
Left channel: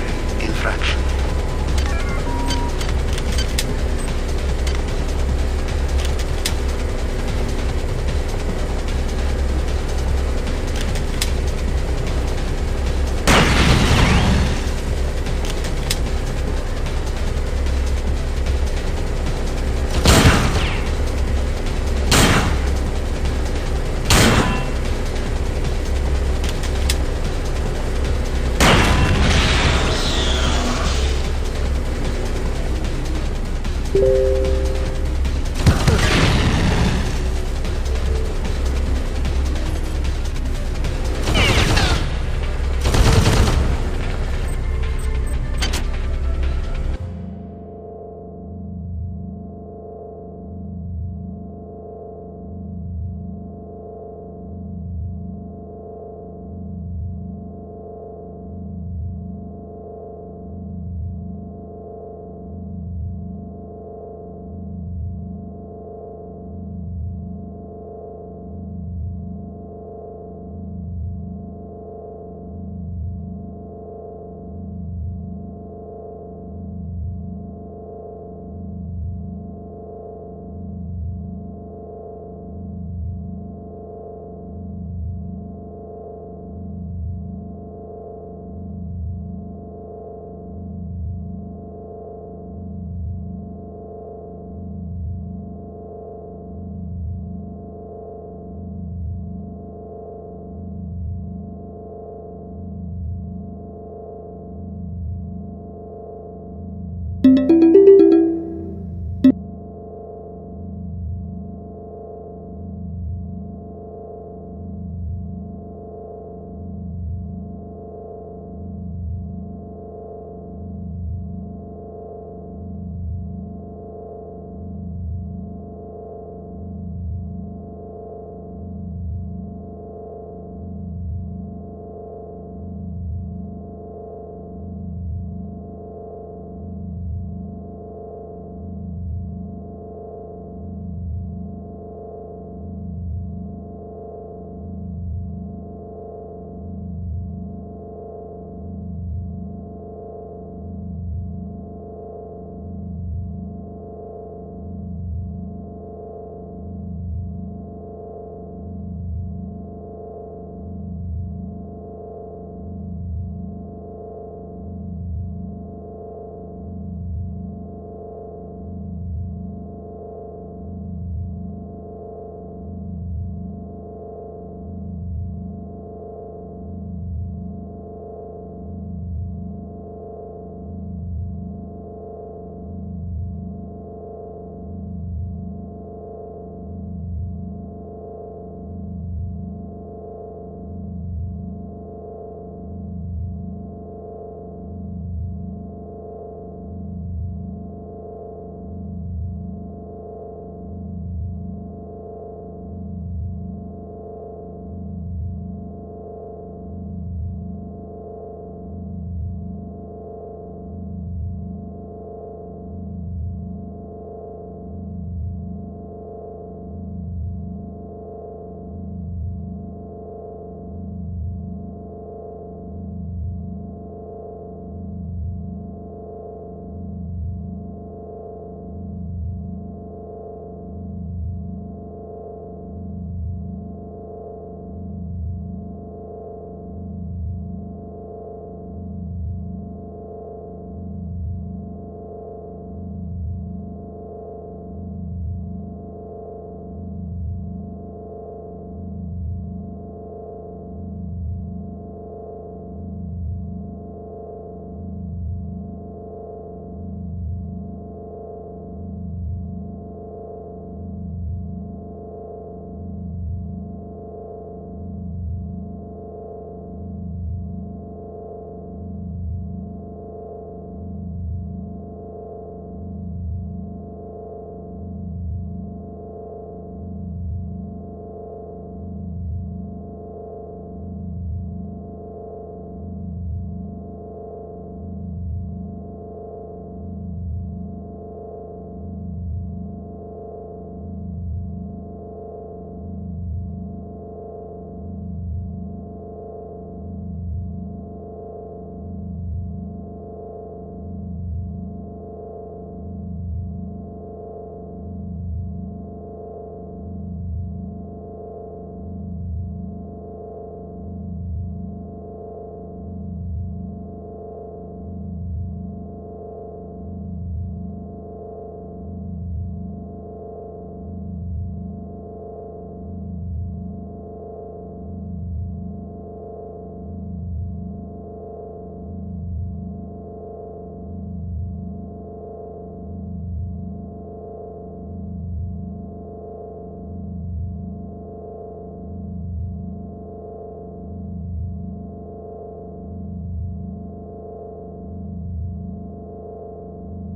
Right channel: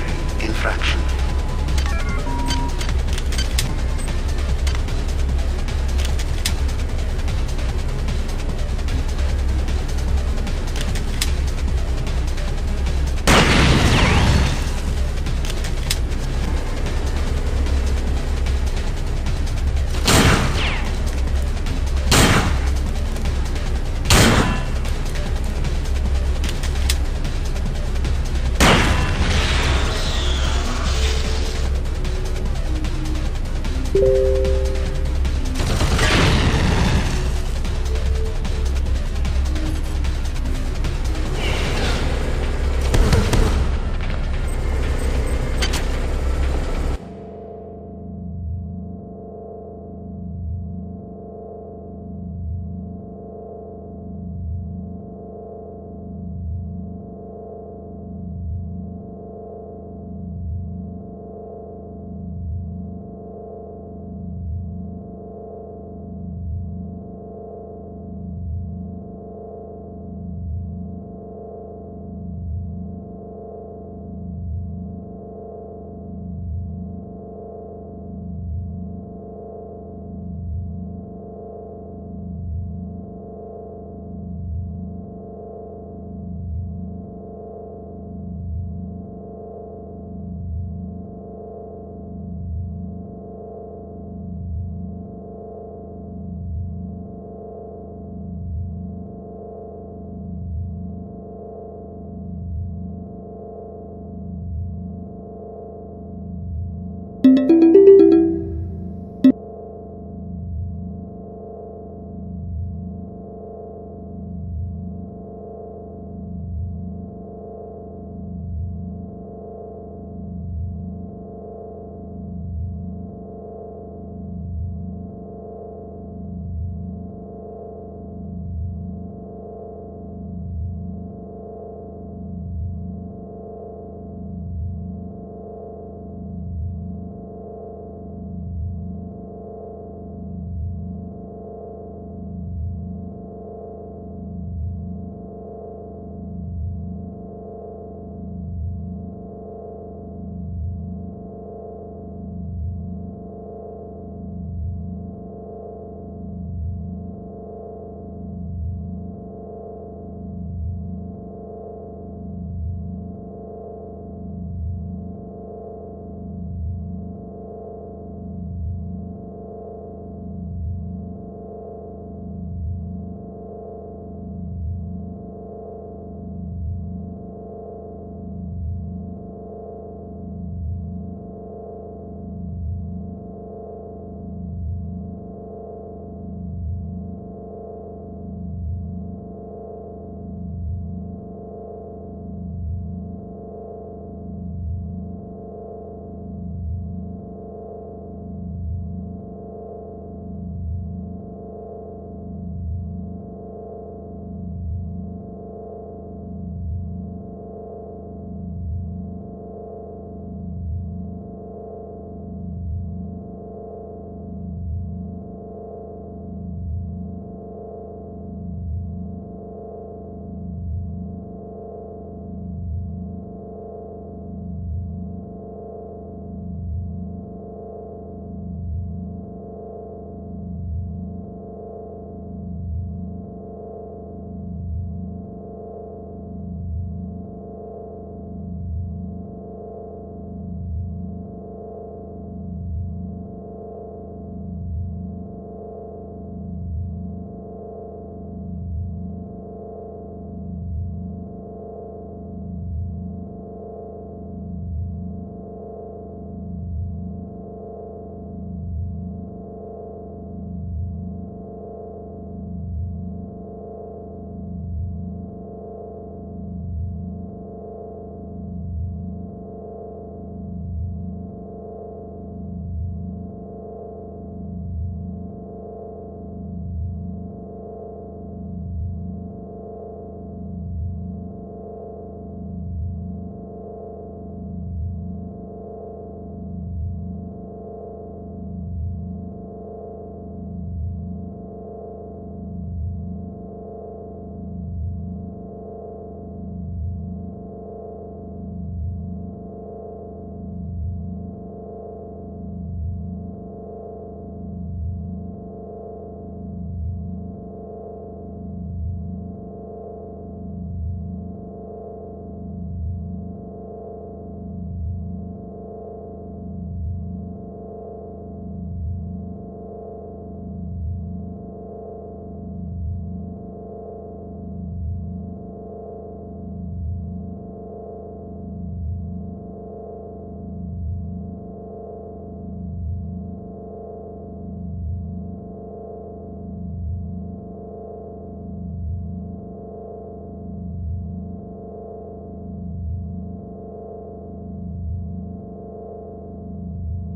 infraction.